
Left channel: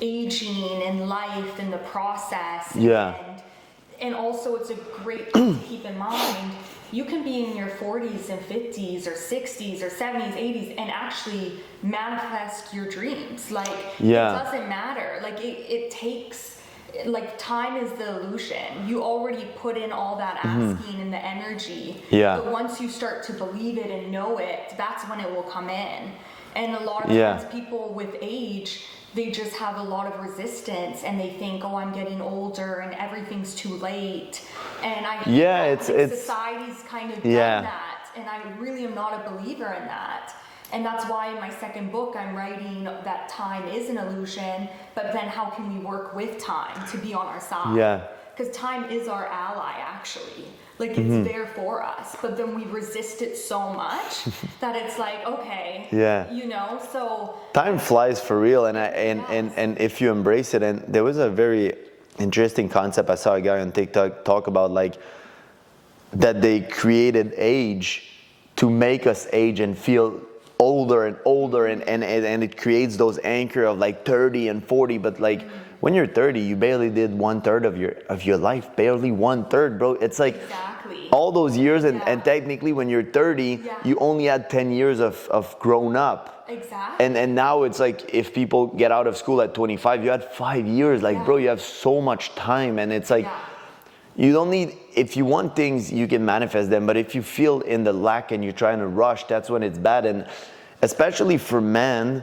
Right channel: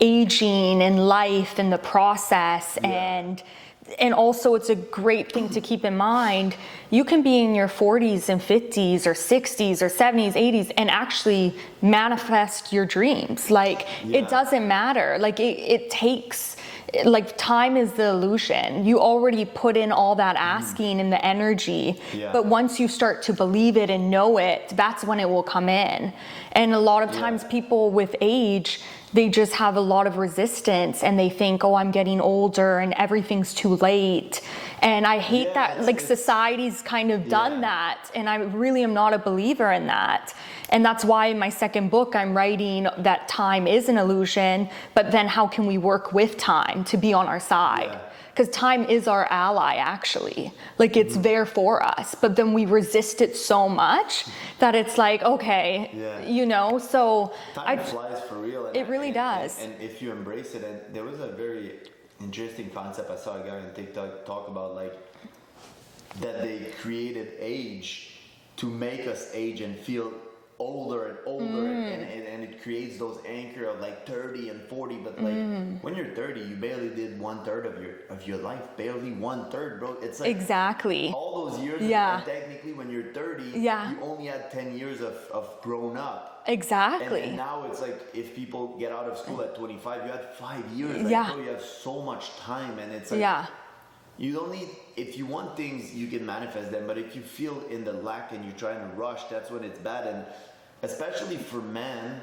aging and life and the process. And also, it's a great thing to keep in mind. You can be in your 40s and 50s or 60s or 70s, 80s, and actually manifest your dreams. Like, it doesn't matter. Like, it takes, like, time is the illusion. You already put in all that asking and the energy. But once you start to believe it and know it, that's when it will come in. And a lot of times people with age, they just have a lot of resistance, and they think, oh, I'm getting older and everything's too late. And I hate that, like, society's kind of done that. And I really am not a believer in that. And that's why in my second book, I'm writing that time is an illusion, but then how can we work with time to be on our side? Because time is our ally, actually. Like, it's there for us, but then we resist it so much that it's like, okay, you know, so. Time flies for real, and and if you embrace it, and there was a very interesting concept, I saw a guy on TikTok talk about, like, that they created age to make us age and feel older and older, and it creates those anchor of like 30 and 40, but like when you're 30, you barely did 1/3 of your life, barely 1/3, bro. It's like all those years, and technically when you're 30, you only had 10 years of grown up. And now it's like, if people get out of school at 25, you had 5 years, like bro, you have so much time, and it's like you don't need, if you want things, you can manifest them. But if you feel in the lack and you're trying to rush, that's when it's bad. And especially for men,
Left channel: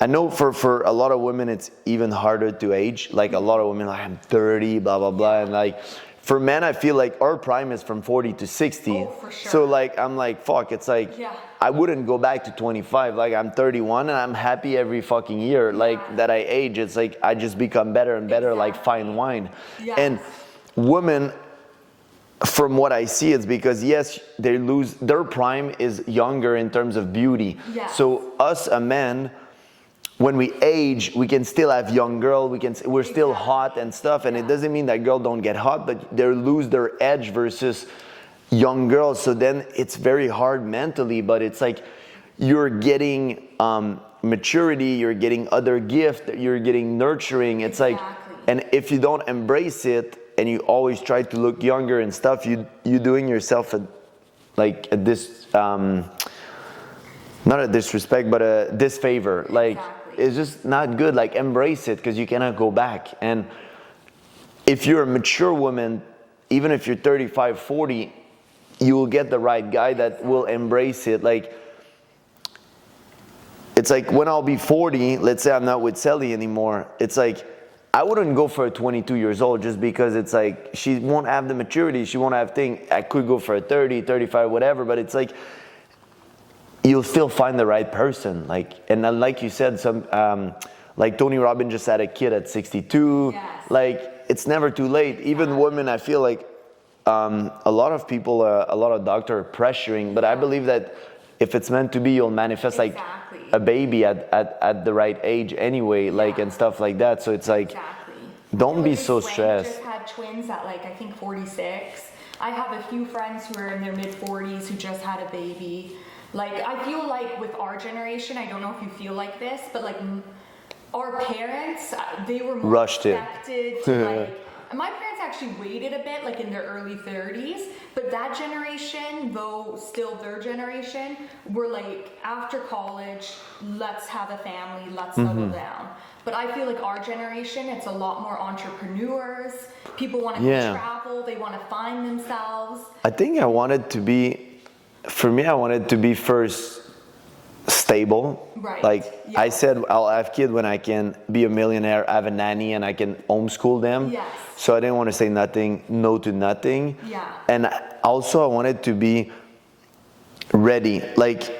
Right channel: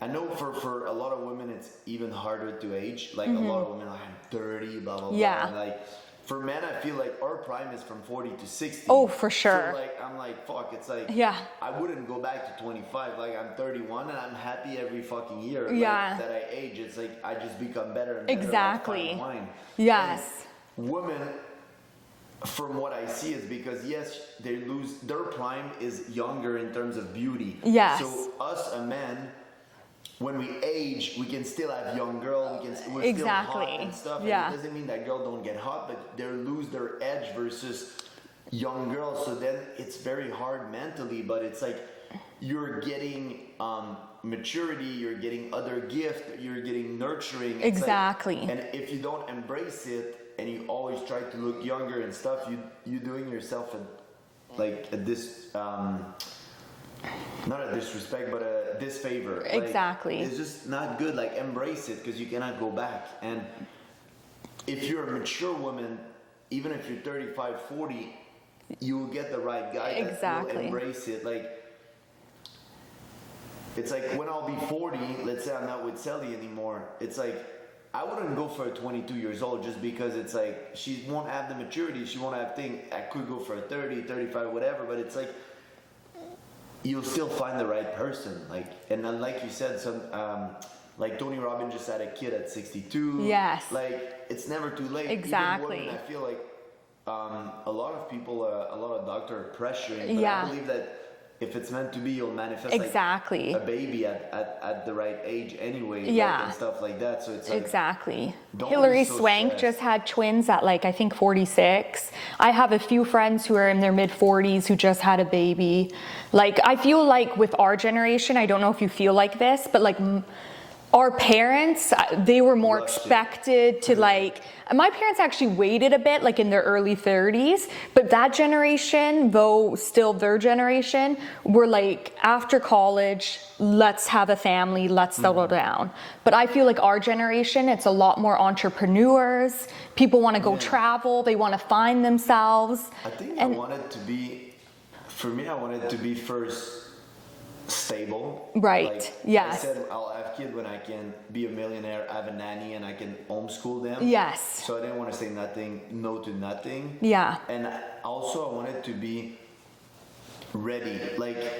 I know for a lot of women, it's even harder to age. Like a lot of women, like, I'm 30, blah, blah, blah. Yeah. And like, for men, I feel like our prime is from 40 to 60. Oh, for sure. So like, I'm like, fuck, it's like, Yeah. I wouldn't go back to 25. Like, I'm 31 and I'm happy every fucking year. Yeah. Like, that I age. It's like, I just become better and better, like fine wine. Yes. And women, from what I see, it's because, yes, they lose, their prime is younger in terms of beauty. Yes. So us, a man, when we age, we can still have young girl, we're still hot and stuff, and it doesn't mean that girl don't get hot, but they lose their edge versus young girls. So then it's very hard mentally, but it's like you're getting maturity, you're getting other gift, you're getting nurturing. It's exactly. like, and if you don't embrace it and you always try to look younger and stuff, you're doing yourself not a disrespect, but a disfavor. Like, exactly. it's just not good. Like, embrace it, because you cannot go back. And if you're a mature woman, even if you're 35, 40, you will get the right guy that will embrace it. Like, it's like when I'll be 40, let's say I'm not with Sally anymore, it's like, I wouldn't go for a 22 years old just because it's like, she won't have the maturity, she won't have things. I could go for a 30, 35, whatever, but it's like, you'll still find the right person. Like, and like you said, some like Tony Robbins just had a kid at 62. Yes. Like, it's never too late. Even women, I feel like a lot of people, a lot of doctors are pressuring, but I believe that if it's meant to be, you'll manifest like a baby at the right age anyway, like, and stuff like that. So it's like, don't Hilary be so Swank stressed. just had twins at like, I think 46. I have a few friends who are in their mid 40s who just had a baby. Like, I feel like with our generation, I don't know if you feel like this, but like our parents, they were more expected to like, my parents actually waited a bit, like in their early 30s, but that generation, though still their generation, were like, after college, let's have a family, let's settle down. But I feel like our generation, it's a lot more entrepreneurs. People want to go travel, they want to find themselves. I think I wanted to be, for me, I wanted to be first stable. Right. Like, I said, I'll have kids when I can be a millionaire, have a nanny, and I can homeschool them. Yes. So I didn't want to say no to nothing. Yeah. And also I wanted to be ready. Like,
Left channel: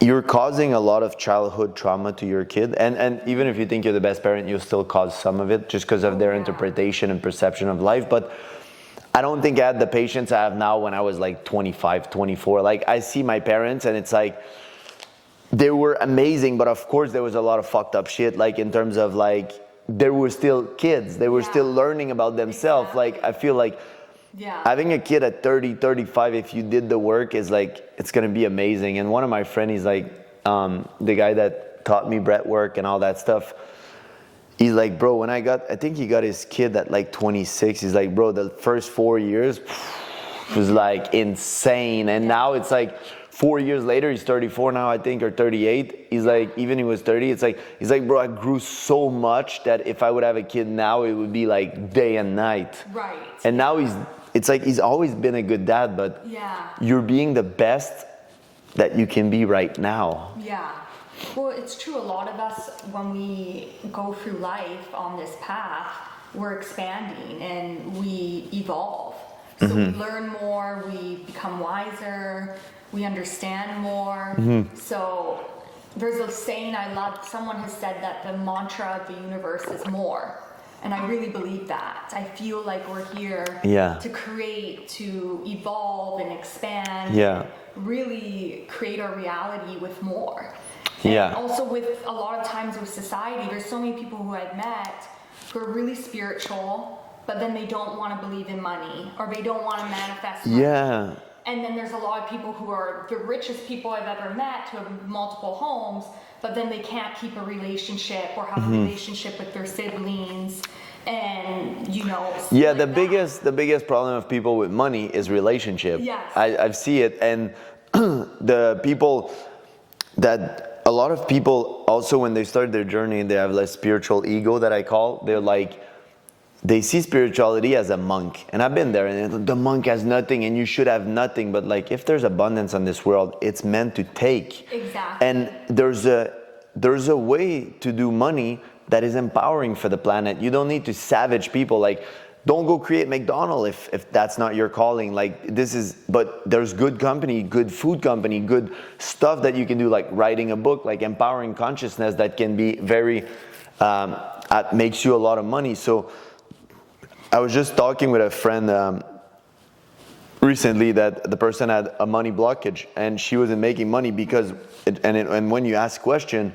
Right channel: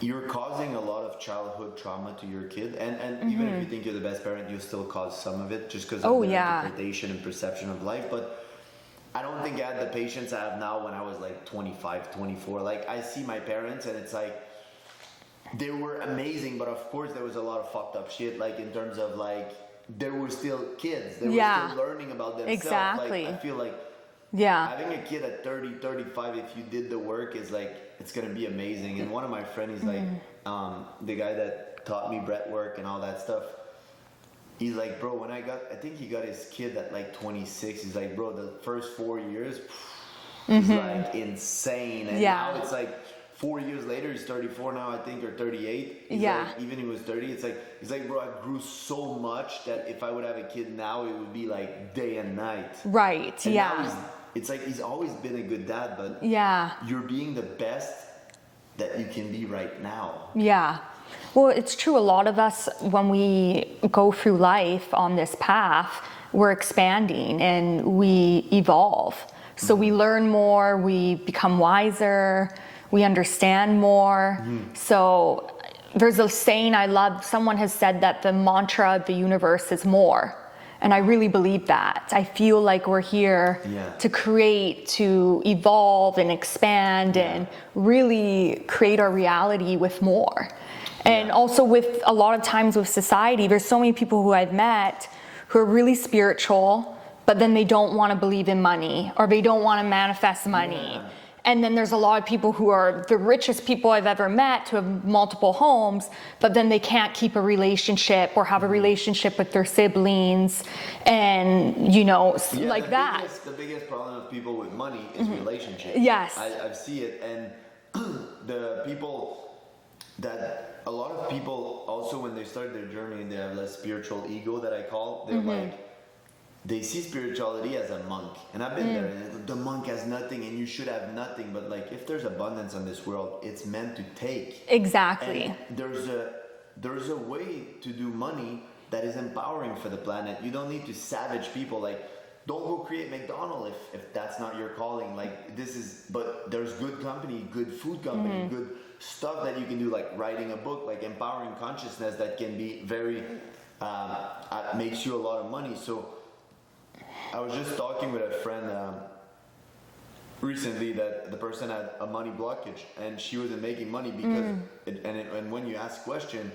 you're causing a lot of childhood trauma to your kid. And even if you think you're the best parent, you'll still cause some of it just because of their interpretation and perception of life. But I don't think I had the patience I have now when I was like 25, 24. Like, I see my parents and it's like, they were amazing, but of course there was a lot of fucked up shit, like in terms of like, they were still kids. They were still learning about themselves. Like, I feel like having a kid at 30, 35, if you did the work, is like, it's going to be amazing. And one of my friends, he's like, the guy that taught me breath work and all that stuff, he's like, bro, when I think he got his kid at like 26, he's like, bro, the first 4 years was like insane. And now it's like 4 years later, he's 34 now, I think, or 38. He's like, even he was 30, it's like, he's like, bro, I grew so much that if I would have a kid now, it would be like day and night. Right. And now it's like, he's always been a good dad, but you're being the best that you can be right now. Yeah. Well, it's true. A lot of us, when we go through life on this path, we're expanding and we evolve. So we learn more, we become wiser, we understand more. So there's a saying I love, someone has said that the mantra of the universe is more. And I really believe that. I feel like we're here to create, to evolve and expand and really create our reality with more. And also with a lot of times with society, there's so many people who I've met who are really spiritual, but then they don't want to believe in money or they don't want to manifest money. And then there's a lot of people who are the richest people I've ever met who have multiple homes, but then they can't keep a relationship or have a relationship with their siblings. And, you know, like the biggest problem of people with money is relationship. Yes. I see it. And the people that, a lot of people also when they start their journey, they have less spiritual ego that I call. They're like, they see spirituality as a monk. And I've been there, and the monk has nothing and you should have nothing. But like, if there's abundance on this world, it's meant to take. Exactly. And there's a way to do money that is empowering for the planet. You don't need to savage people. Like, don't go create McDonald's if that's not your calling. Like, but there's good company, good food company, good stuff that you can do, like writing a book, like empowering consciousness that can be very, makes you a lot of money. So I was just talking with a friend recently that the person had a money blockage and she wasn't making money because, and when you ask question,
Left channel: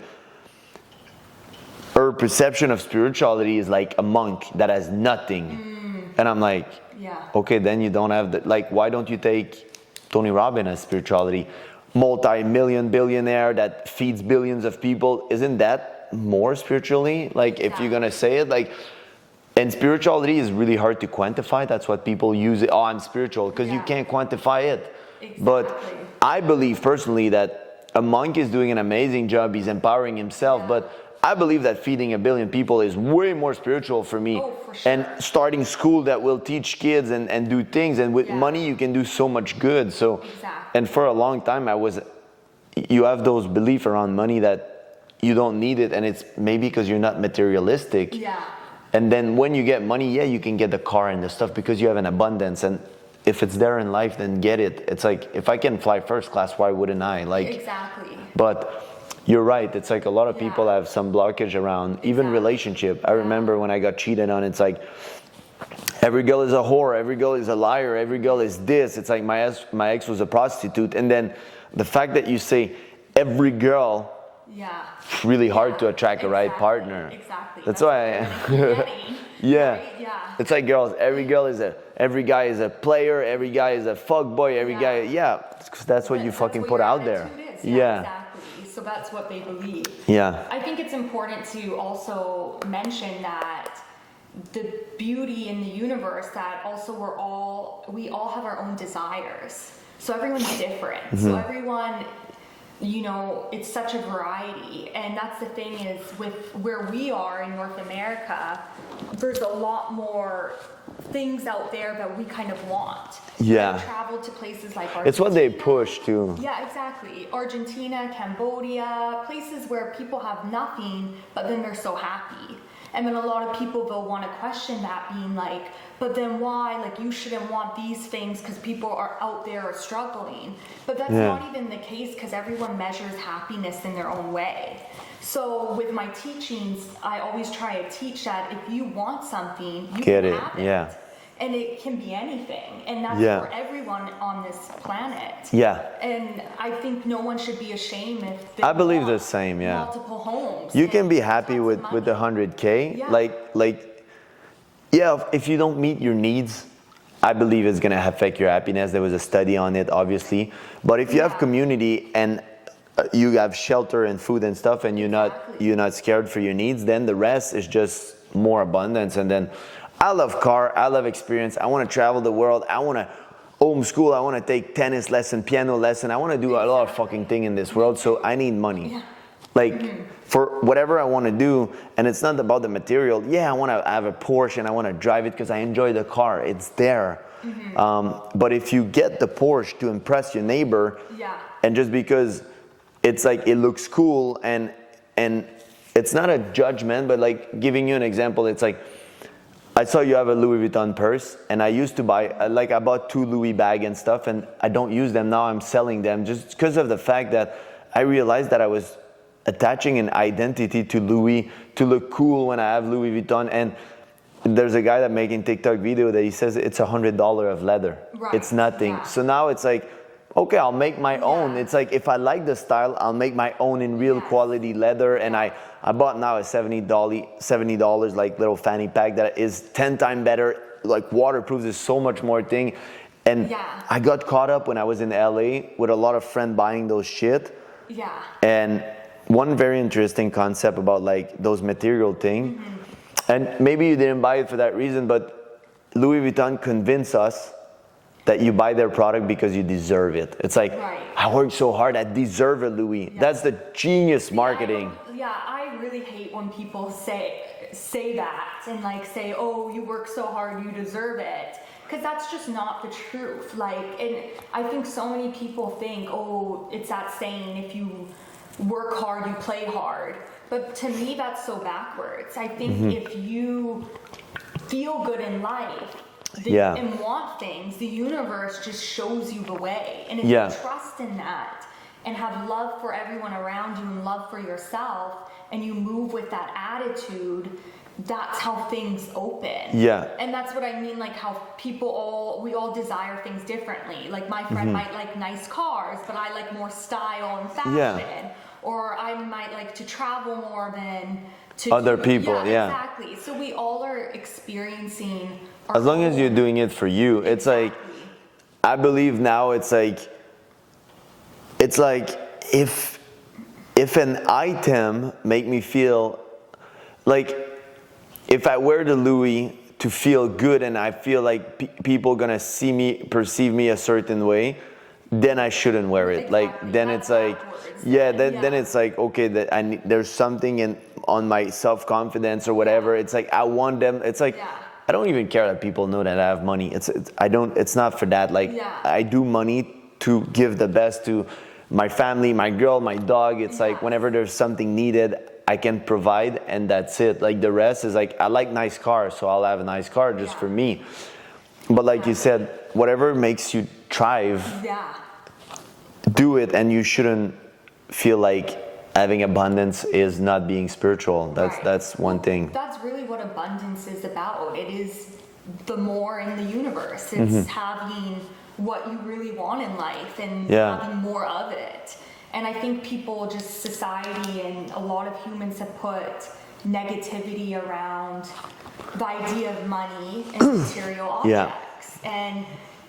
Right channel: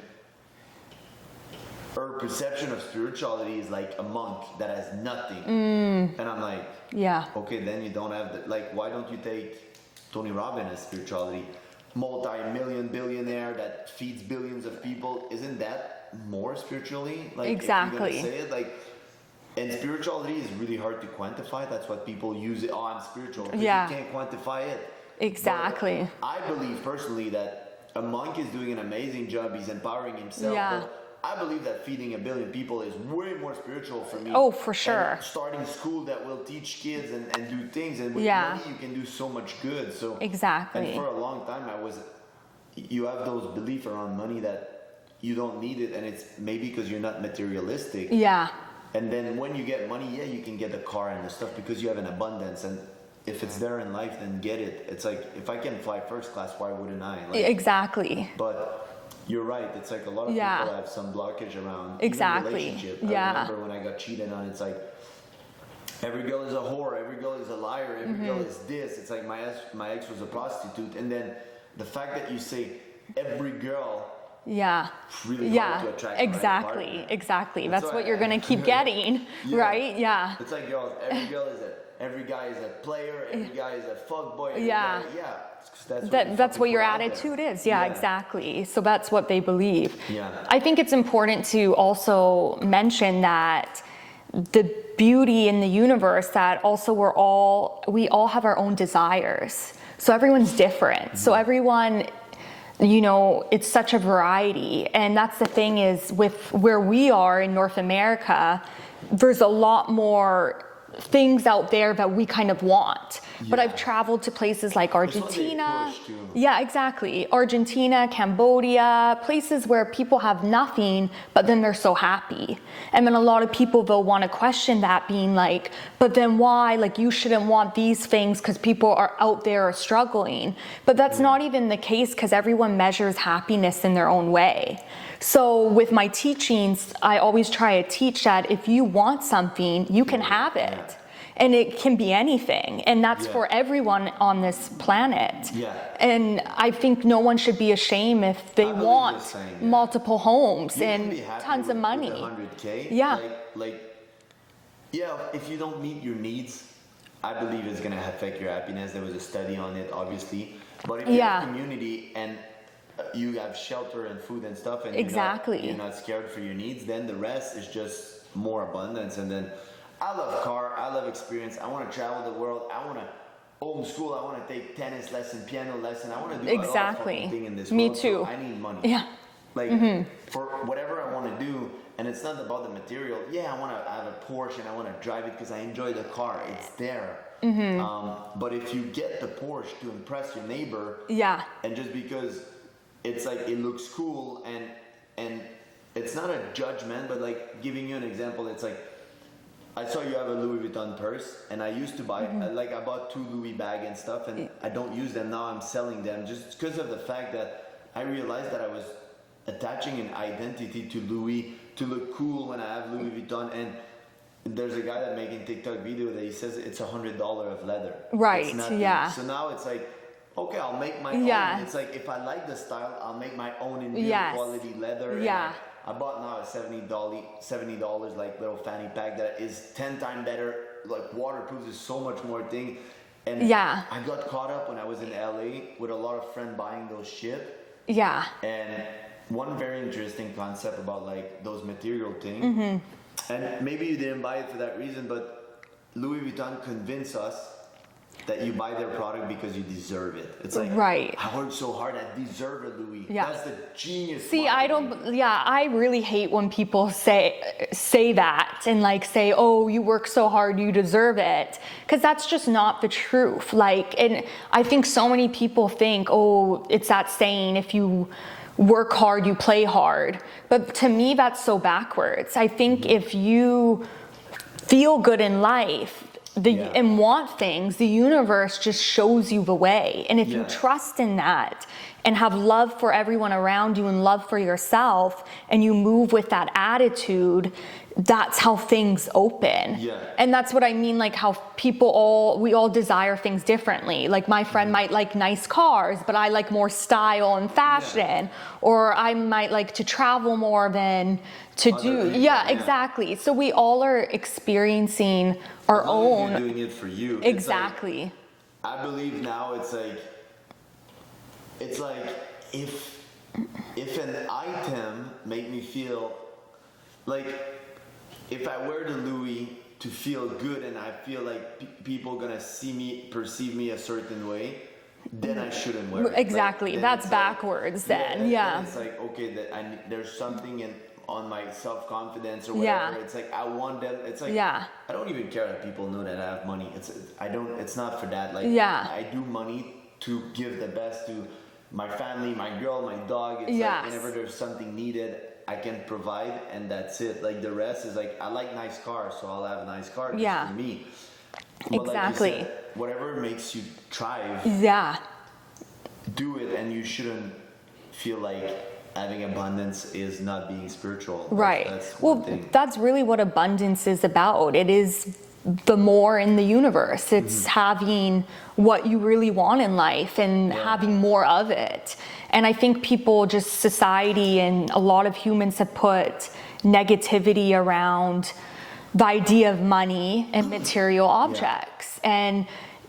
her perception of spirituality is like a monk that has nothing. And I'm like, yeah, okay, then you don't have like, why don't you take Tony Robbins as spirituality? Multi-million billionaire that feeds billions of people. Isn't that more spiritually? Like, if you're gonna say it, like, and spirituality is really hard to quantify. That's what people use it. Oh, I'm spiritual, because you can't quantify it. Exactly. But I believe personally that a monk is doing an amazing job. He's empowering himself, but I believe that feeding 1 billion people is way more spiritual for me. Oh, for sure. And starting school that will teach kids and do things. And with money, you can do so much good. So exactly. And for a long time, you have those beliefs around money that you don't need it. And it's maybe because you're not materialistic. Yeah. And then when you get money, you can get the car and the stuff because you have an abundance. And if it's there in life, then get it. It's like, if I can fly first class, why wouldn't I? Like, exactly. But you're right. It's like a lot of people have some blockage around even relationship. I remember when I got cheated on, it's like every girl is a whore, every girl is a liar, every girl is this. It's like my ex was a prostitute. And then the fact that you say every girl, it's really hard to attract the right partner. Exactly. That's what you're going to keep getting. Right? Yeah. It's like every guy is a player, every guy is a fuck boy, every guy, that's what you fucking put out there. That's what your attitude is. Yeah, exactly. So that's what they believe. Yeah. I think it's important to also mention that the beauty in the universe, that also we all have our own desires. So everyone's different. So everyone, it's such a variety. And that's the thing is, with where we are in North America, there's a lot more things out there that we kind of want. But I've traveled to places like Argentina. It's what they push too. Yeah, exactly. Argentina, Cambodia, places where people have nothing, but then they're so happy. And then a lot of people, they'll want to question that, being like, but then why? Like, you shouldn't want these things because people are out there struggling. But that's not even the case, because everyone measures happiness in their own way. So with my teachings, I always try to teach that if you want something, you can have it. Yeah. And it can be anything. And that's for everyone on this planet. Yeah. And I think no one should be ashamed if they want the same, multiple homes. You can be happy with the 100K. Yeah. If you don't meet your needs, I believe it's going to affect your happiness. There was a study on it, obviously. But if you have community and you have shelter and food and stuff, and you're not scared for your needs, then the rest is just more abundance. And then I love car, I love experience, I want to travel the world, I want to homeschool, I want to take tennis lesson, piano lesson, I want to do a lot of fucking thing in this world. So I need money. For whatever I want to do. And it's not about the material. I want to have a Porsche and I want to drive it because I enjoy the car. It's there. But if you get the Porsche to impress your neighbor, and just because it's like it looks cool, and it's not a judgment, but like giving you an example, it's like, I saw you have a Louis Vuitton purse, and I used to buy, I bought 2 Louis bag and stuff, and I don't use them. Now I'm selling them just because of the fact that I realized that I was attaching an identity to Louis to look cool when I have Louis Vuitton. And there's a guy that making TikTok video that he says it's $100 of leather. Right. It's nothing. So now it's like, okay, I'll make my own. It's like, if I like the style, I'll make my own in real quality leather. And I bought now a $70 like little fanny pack that is 10 times better, like waterproof, is so much more thing. And I got caught up when I was in LA with a lot of friends buying those shit. Yeah. And one very interesting concept about like those material thing, and maybe you didn't buy it for that reason, but Louis Vuitton convinced us that you buy their product because you deserve it. It's like, Right. I worked so hard, I deserve it, Louis. Yeah. That's the genius marketing. I really hate when people say that and like say, oh, you work so hard, you deserve it. Because that's just not the truth. Like, and I think so many people think, oh, it's that saying, if you work hard, you play hard. But to me, that's so backwards. I think if you feel good in life, and want things, the universe just shows you the way. And if you trust in that and have love for everyone around you and love for yourself, and you move with that attitude, that's how things open. Yeah. And that's what I mean, like how we all desire things differently. Like my friend might like nice cars, but I like more style and fashion. Or I might like to travel more than to other people. Yeah, exactly. So we all are experiencing our own. As long as you're doing it for you. Exactly. It's like, I believe now it's like if an item make me feel like, if I wear the Louis to feel good and I feel like people gonna perceive me a certain way, then I shouldn't wear it. Exactly. Like, then that's it's like, backwards. Then it's like, okay, that there's something on my self-confidence or whatever. It's like I want them. It's like I don't even care that people know that I have money. It's not for that. Like I do money to give the best to my family, my girl, my dog. It's like whenever there's something needed, I can provide, and that's it. Like the rest is like, I like nice cars, so I'll have a nice car just for me. But like you said, whatever makes you thrive, do it, and you shouldn't feel like having abundance is not being spiritual. That's one thing. That's really what abundance is about. It is the more in the universe. It's having what you really want in life and having more of it. And I think society and a lot of humans have put negativity around the idea of money and material objects. And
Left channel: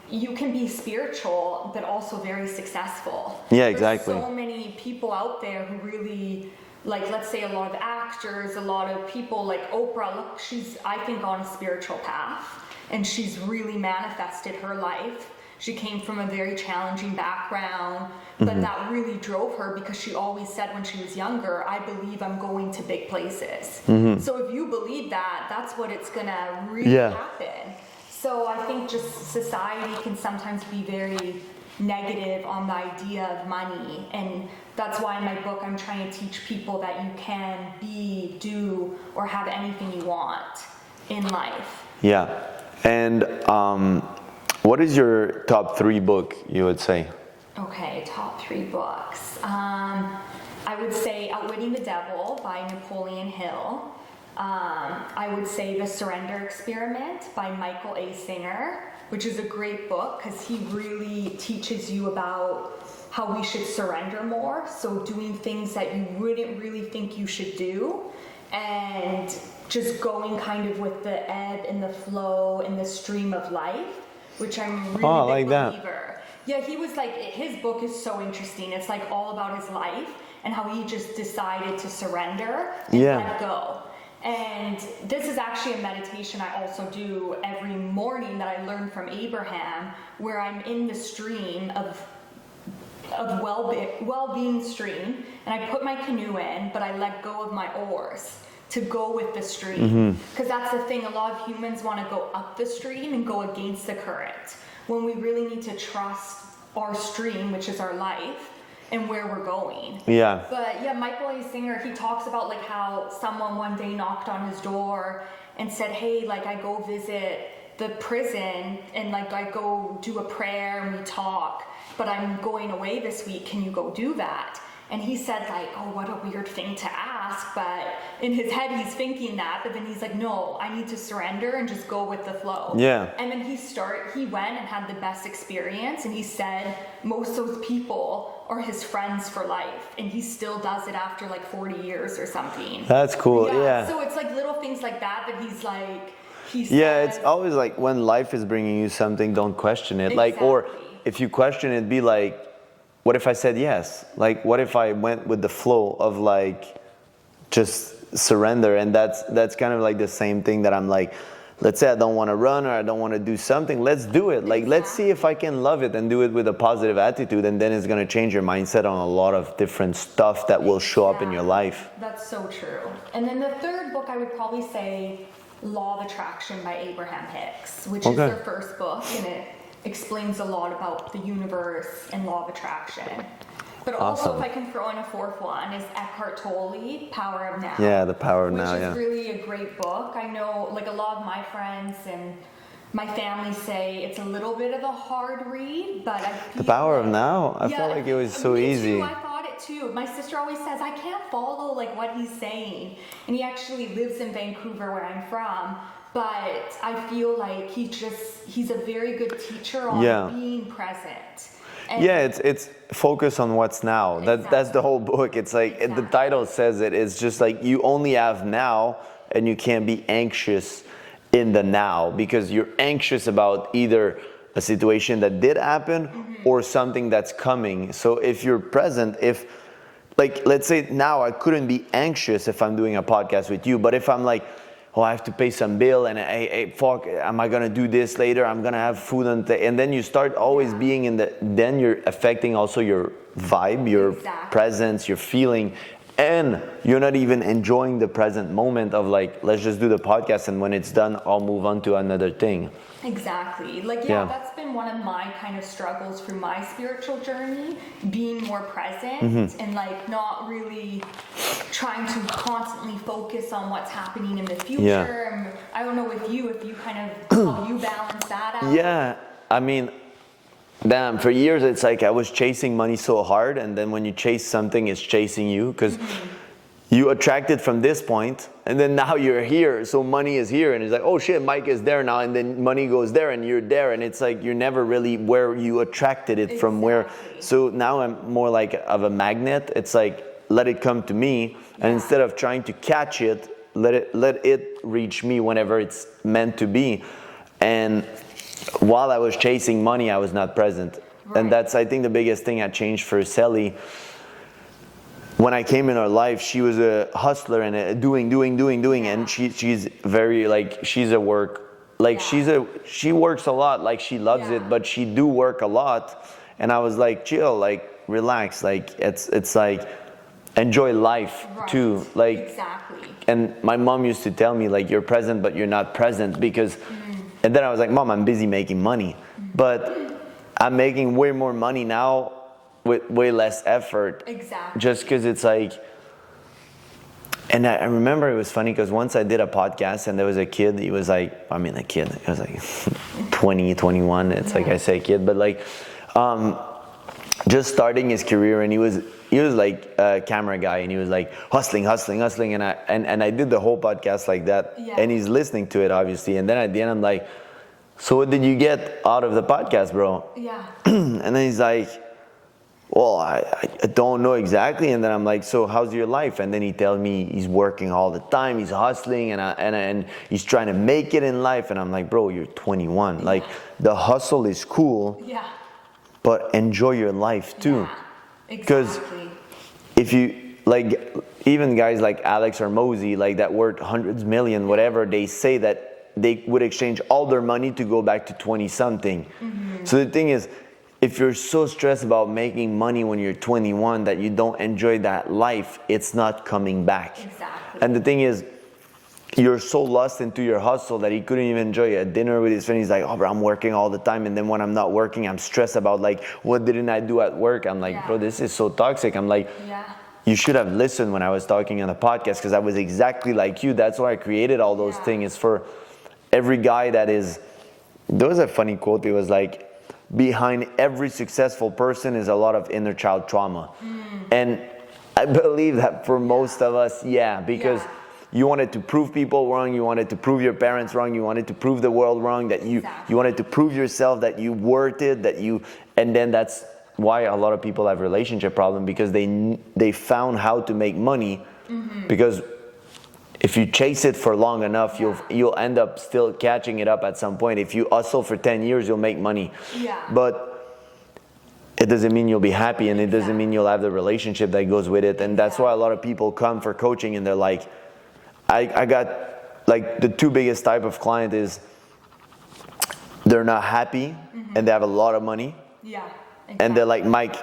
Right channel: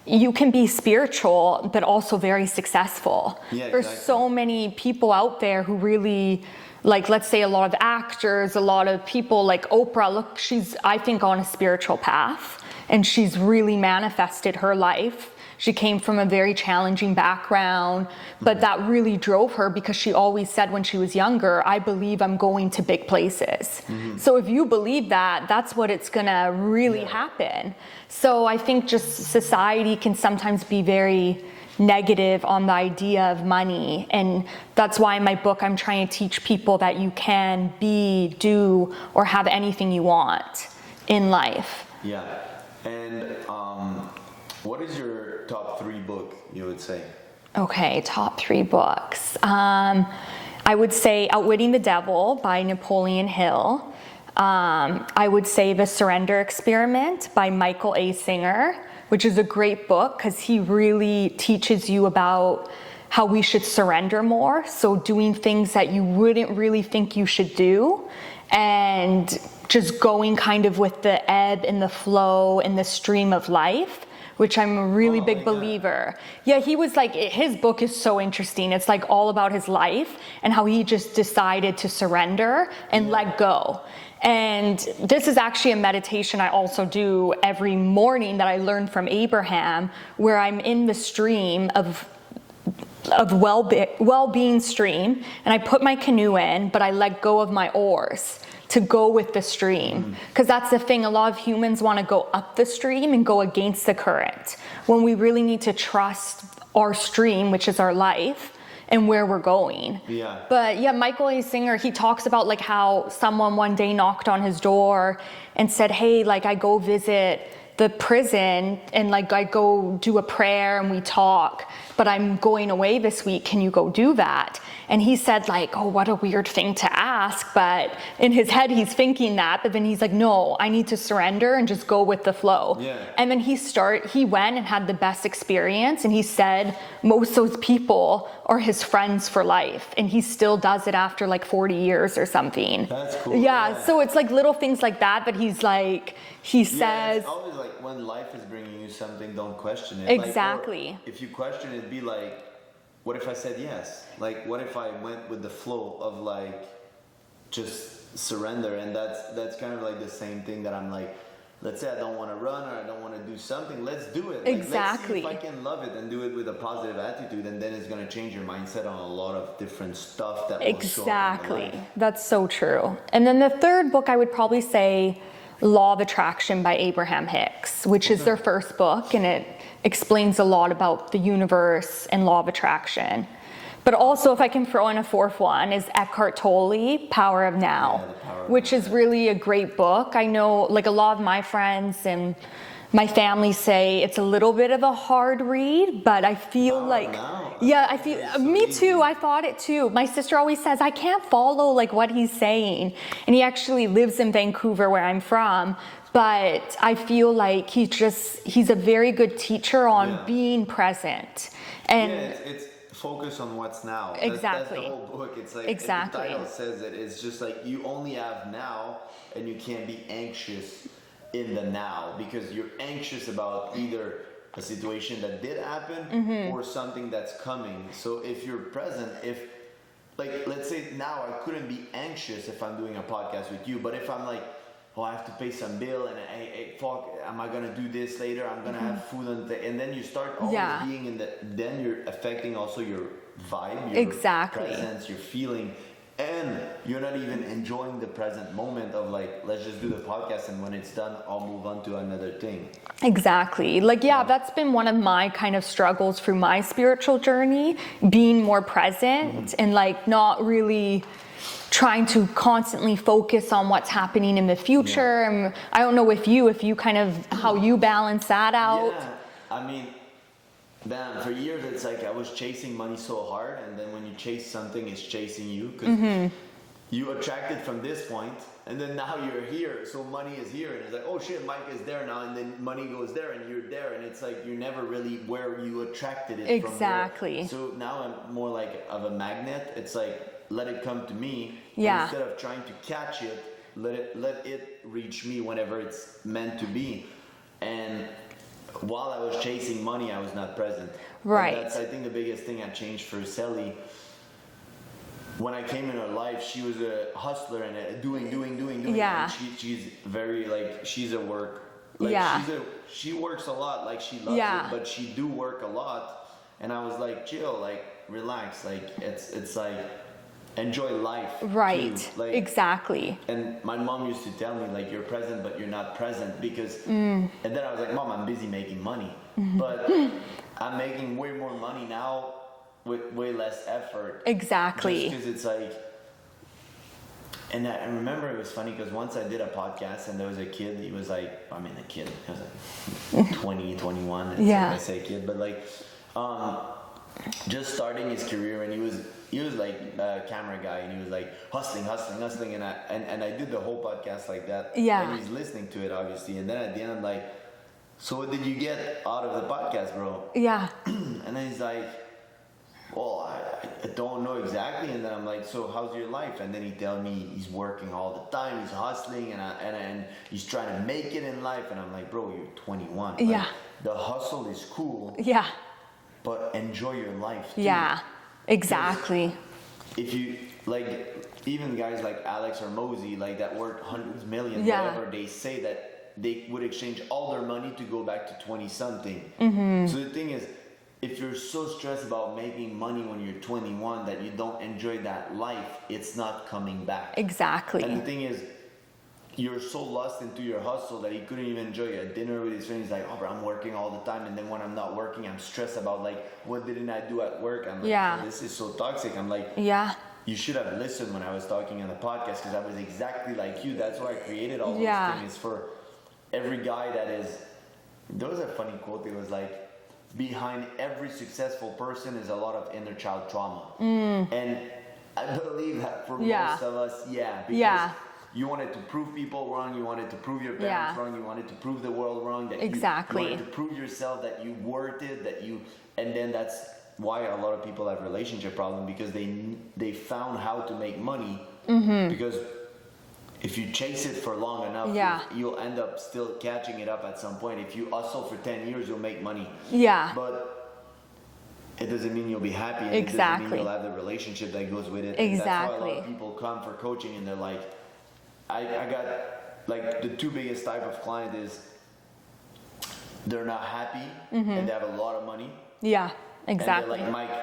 you can be spiritual, but also very successful. Yeah, exactly. There's so many people out there who really, like, let's say a lot of actors, a lot of people like Oprah, look, she's, I think, on a spiritual path, and she's really manifested her life. She came from a very challenging background, but that really drove her, because she always said when she was younger, I believe I'm going to big places. So if you believe that, that's what it's gonna really happen. So I think just society can sometimes be very negative on the idea of money. And that's why in my book, I'm trying to teach people that you can be, do, or have anything you want in life. Yeah. And what is your top 3 book, you would say? Okay, top 3 books. I would say Outwitting the Devil by Napoleon Hill. I would say The Surrender Experiment by Michael A. Singer, which is a great book because he really teaches you about how we should surrender more. So doing things that you wouldn't really think you should do, and just going kind of with the ebb and the flow and the stream of life, which I'm a really big believer. Yeah, he was like, his book is so interesting. It's like all about his life and how he just decided to surrender and let go. And this is actually a meditation I also do every morning that I learned from Abraham, where I'm in the stream of well-being stream, and I put my canoe in, but I let go of my oars to go with the stream. Because that's the thing, a lot of humans want to go up the stream and go against the current, when we really need to trust our stream, which is our life, and where we're going. Yeah. But yeah, Michael A. Singer, he talks about like how someone one day knocked on his door and said, hey, like I go visit the prison and like I go do a prayer and we talk, but I'm going away this week, can you go do that? And he said like, oh, what a weird thing to ask. But in his head, he's thinking that, but then he's like, no, I need to surrender and just go with the flow. Yeah. And then he went and had the best experience. And he said most of those people are his friends for life. And he still does it after like 40 years or something. That's cool. Yeah. So it's like little things like that, but he's like, he says. Yeah, it's always like when life is bringing you something, don't question it. Exactly. Like, or if you question it, be like, what if I said yes? Like, what if I went with the flow of like, just surrender? And that's kind of like the same thing that I'm like, let's say I don't want to run or I don't want to do something, let's do it. Like, let's see if I can love it and do it with a positive attitude, and then it's going to change your mindset on a lot of different stuff that will show up in your life. That's so true. And then the third book, I would probably say Law of Attraction by Abraham Hicks, which is their first book, and it explains a lot about the universe and law of attraction. But also, if I can throw in a fourth one, is Eckhart Tolle, Power of Now. Yeah, The Power of Now. Which is really a great book. I know, like, a lot of my friends and my family say it's a little bit of a hard read, but I feel like... Power of Now? I felt like it was so me easy. too, I thought it too. My sister always says, I can't follow, like, what he's saying. And he actually lives in Vancouver, where I'm from. But I feel like he's a very good teacher on being present. And it's focus on what's now. That's the whole book. It's like the title says it's just like you only have now, and you can't be anxious in the now, because you're anxious about either a situation that did happen or something that's coming. So if you're present, like, let's say now I couldn't be anxious if I'm doing a podcast with you, but if I'm like, oh, I have to pay some bill, and fuck, am I gonna do this later? I'm gonna have food, and then you start always being then you're affecting also your vibe, your presence, your feeling, and you're not even enjoying the present moment of like, let's just do the podcast, and when it's done, I'll move on to another thing. Exactly. Like, that's been one of my kind of struggles through my spiritual journey, being more present and like not really trying to constantly focus on what's happening in the future. And I don't know if you kind of, how you balance that out. Yeah. I mean, damn, for years it's like I was chasing money so hard, and then when you chase something, it's chasing you, because you attracted from this point, and then now you're here, so money is here, and it's like, oh shit, Mike is there now, and then money goes there, and you're there, and it's like you're never really where you attracted it from where. So now I'm more like of a magnet. It's like, let it come to me, and instead of trying to catch it, let it reach me whenever it's meant to be. And while I was chasing money, I was not present. And that's, I think, the biggest thing I changed for Sally. When I came in her life, she was a hustler and doing, and she's very like, she's a work, like she works a lot, like she loves it, but she do work a lot. And I was like, chill, like relax, like it's like enjoy life too, like And my mom used to tell me like, you're present but you're not present, because and then I was like, Mom, I'm busy making money, but I'm making way more money now with way less effort. Just because it's like, and I remember it was funny because once I did a podcast and there was a kid, he was like, I mean a kid, it was like 20, 21, it's like I say kid, but like just starting his career, and he was like a camera guy, and he was like hustling, and I did the whole podcast like that, and he's listening to it obviously, and then at the end I'm like, so what did you get out of the podcast, bro? And then he's like, well, I don't know exactly. And then I'm like, so how's your life? And then he tells me he's working all the time, he's hustling, and he's trying to make it in life. And I'm like, bro, you're 21. Like, the hustle is cool, but enjoy your life too. Because if you, like, even guys like Alex or Mosey, like that worth hundreds, million, whatever, they say that they would exchange all their money to go back to 20 something. So the thing is, if you're so stressed about making money when you're 21 that you don't enjoy that life, it's not coming back. And the thing is, you're so lost into your hustle that he couldn't even enjoy a dinner with his friend. He's like, oh, bro, I'm working all the time, and then when I'm not working, I'm stressed about like, what didn't I do at work? I'm like, bro, this is so toxic. I'm like, you should have listened when I was talking on the podcast, because I was exactly like you. That's why I created all those things. It's for every guy that is, there was a funny quote. It was like, behind every successful person is a lot of inner child trauma. And I believe that for most of us, because you wanted to prove people wrong, you wanted to prove your parents wrong, you wanted to prove the world wrong, that you wanted to prove yourself that you worth it, and then that's why a lot of people have relationship problem, because they found how to make money, because if you chase it for long enough, you'll end up still catching it up at some point. If you hustle for 10 years, you'll make money. But it doesn't mean you'll be happy, and it doesn't mean you'll have the relationship that goes with it. And that's why a lot of people come for coaching, and they're like, I got like the two biggest type of client is they're not happy and they have a lot of money. Yeah, exactly. And they're like, Mike,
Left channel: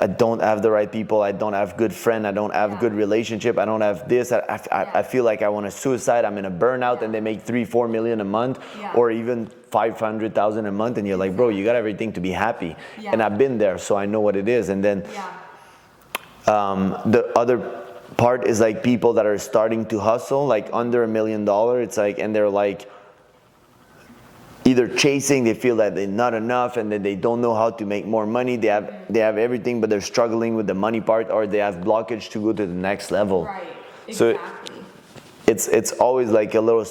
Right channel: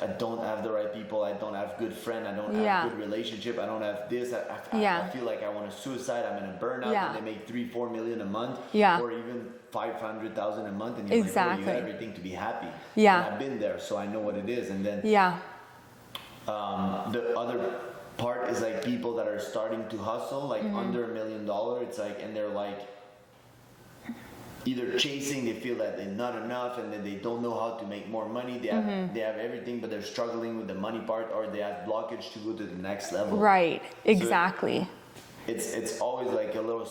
I don't have the right people. I don't have good friend. I don't have good relationship. I don't have this. I feel like I want to suicide. I'm in a burnout, and they make 3-4 million a month, or even 500,000 a month, and you're like, bro, you got everything to be happy. And I've been there, so I know what it is. And then the other part is like people that are starting to hustle, like under $1 million. It's like, and they're like, either chasing, they feel that they're not enough, and then they don't know how to make more money. They have everything, but they're struggling with the money part, or they have blockage to go to the next level. Right, exactly. So it's always like a little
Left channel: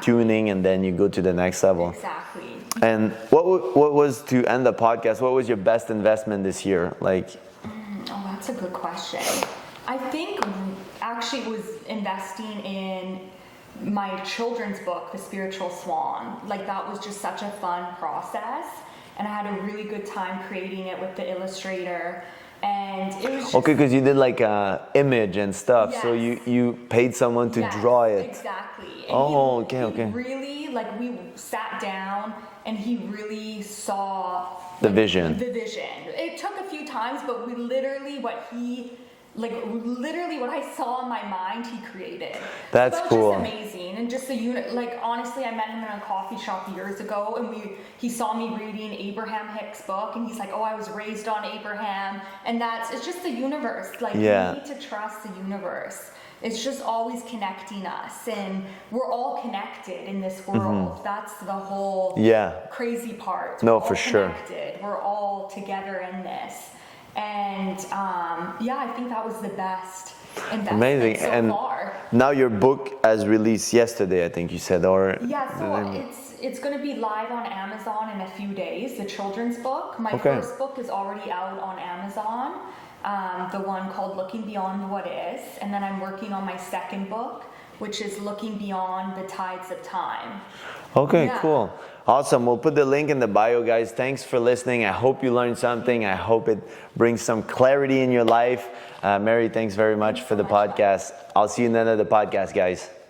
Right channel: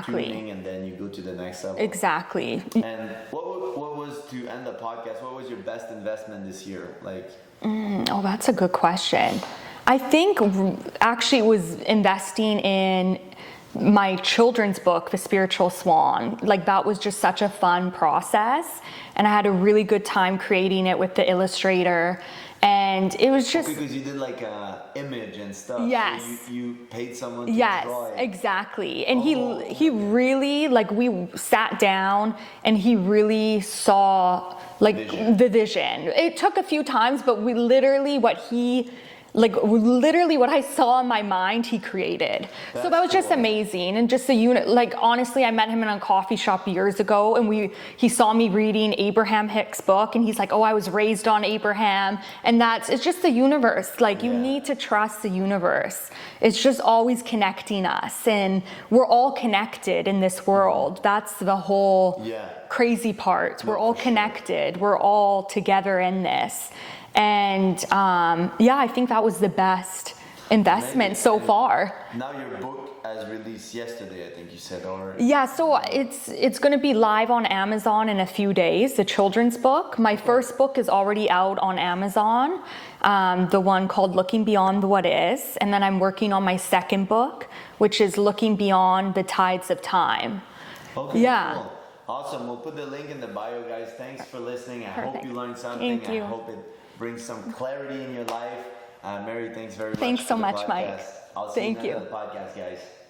tuning, and then you go to the next level. Exactly. And what was, to end the podcast, what was your best investment this year? Like, oh, that's a good question. I think actually it was investing in my children's book, The Spiritual Swan. Like, that was just such a fun process, and I had a really good time creating it with the illustrator, and it was just okay, because you did like image and stuff. Yes. So you paid someone to draw it. Exactly. And he really, like, we sat down and he really saw like the vision. It took a few times, but we literally what I saw in my mind, he created. That's so that was cool. just amazing. And just the unit, like, honestly, I met him in a coffee shop years ago, and he saw me reading Abraham Hicks' book, and he's like, oh, I was raised on Abraham. And it's just the universe. Like, you need to trust the universe. It's just always connecting us, and we're all connected in this world. That's the whole crazy part. We're all connected. We're all together in this. And I think that was the best investment so far. Now your book has released yesterday, I think you said, or so it's going to be live on Amazon in a few days. The children's book. My first book is already out on Amazon. The one called Looking Beyond What Is, and then I'm working on my second book, which is Looking Beyond the Tides of Time. Okay, cool. Awesome. We'll put the link in the bio, guys. Thanks for listening. I hope you learned something. I hope it brings some clarity in your life. Mary, thanks very much for the podcast. I'll see you in the end of the podcast, guys.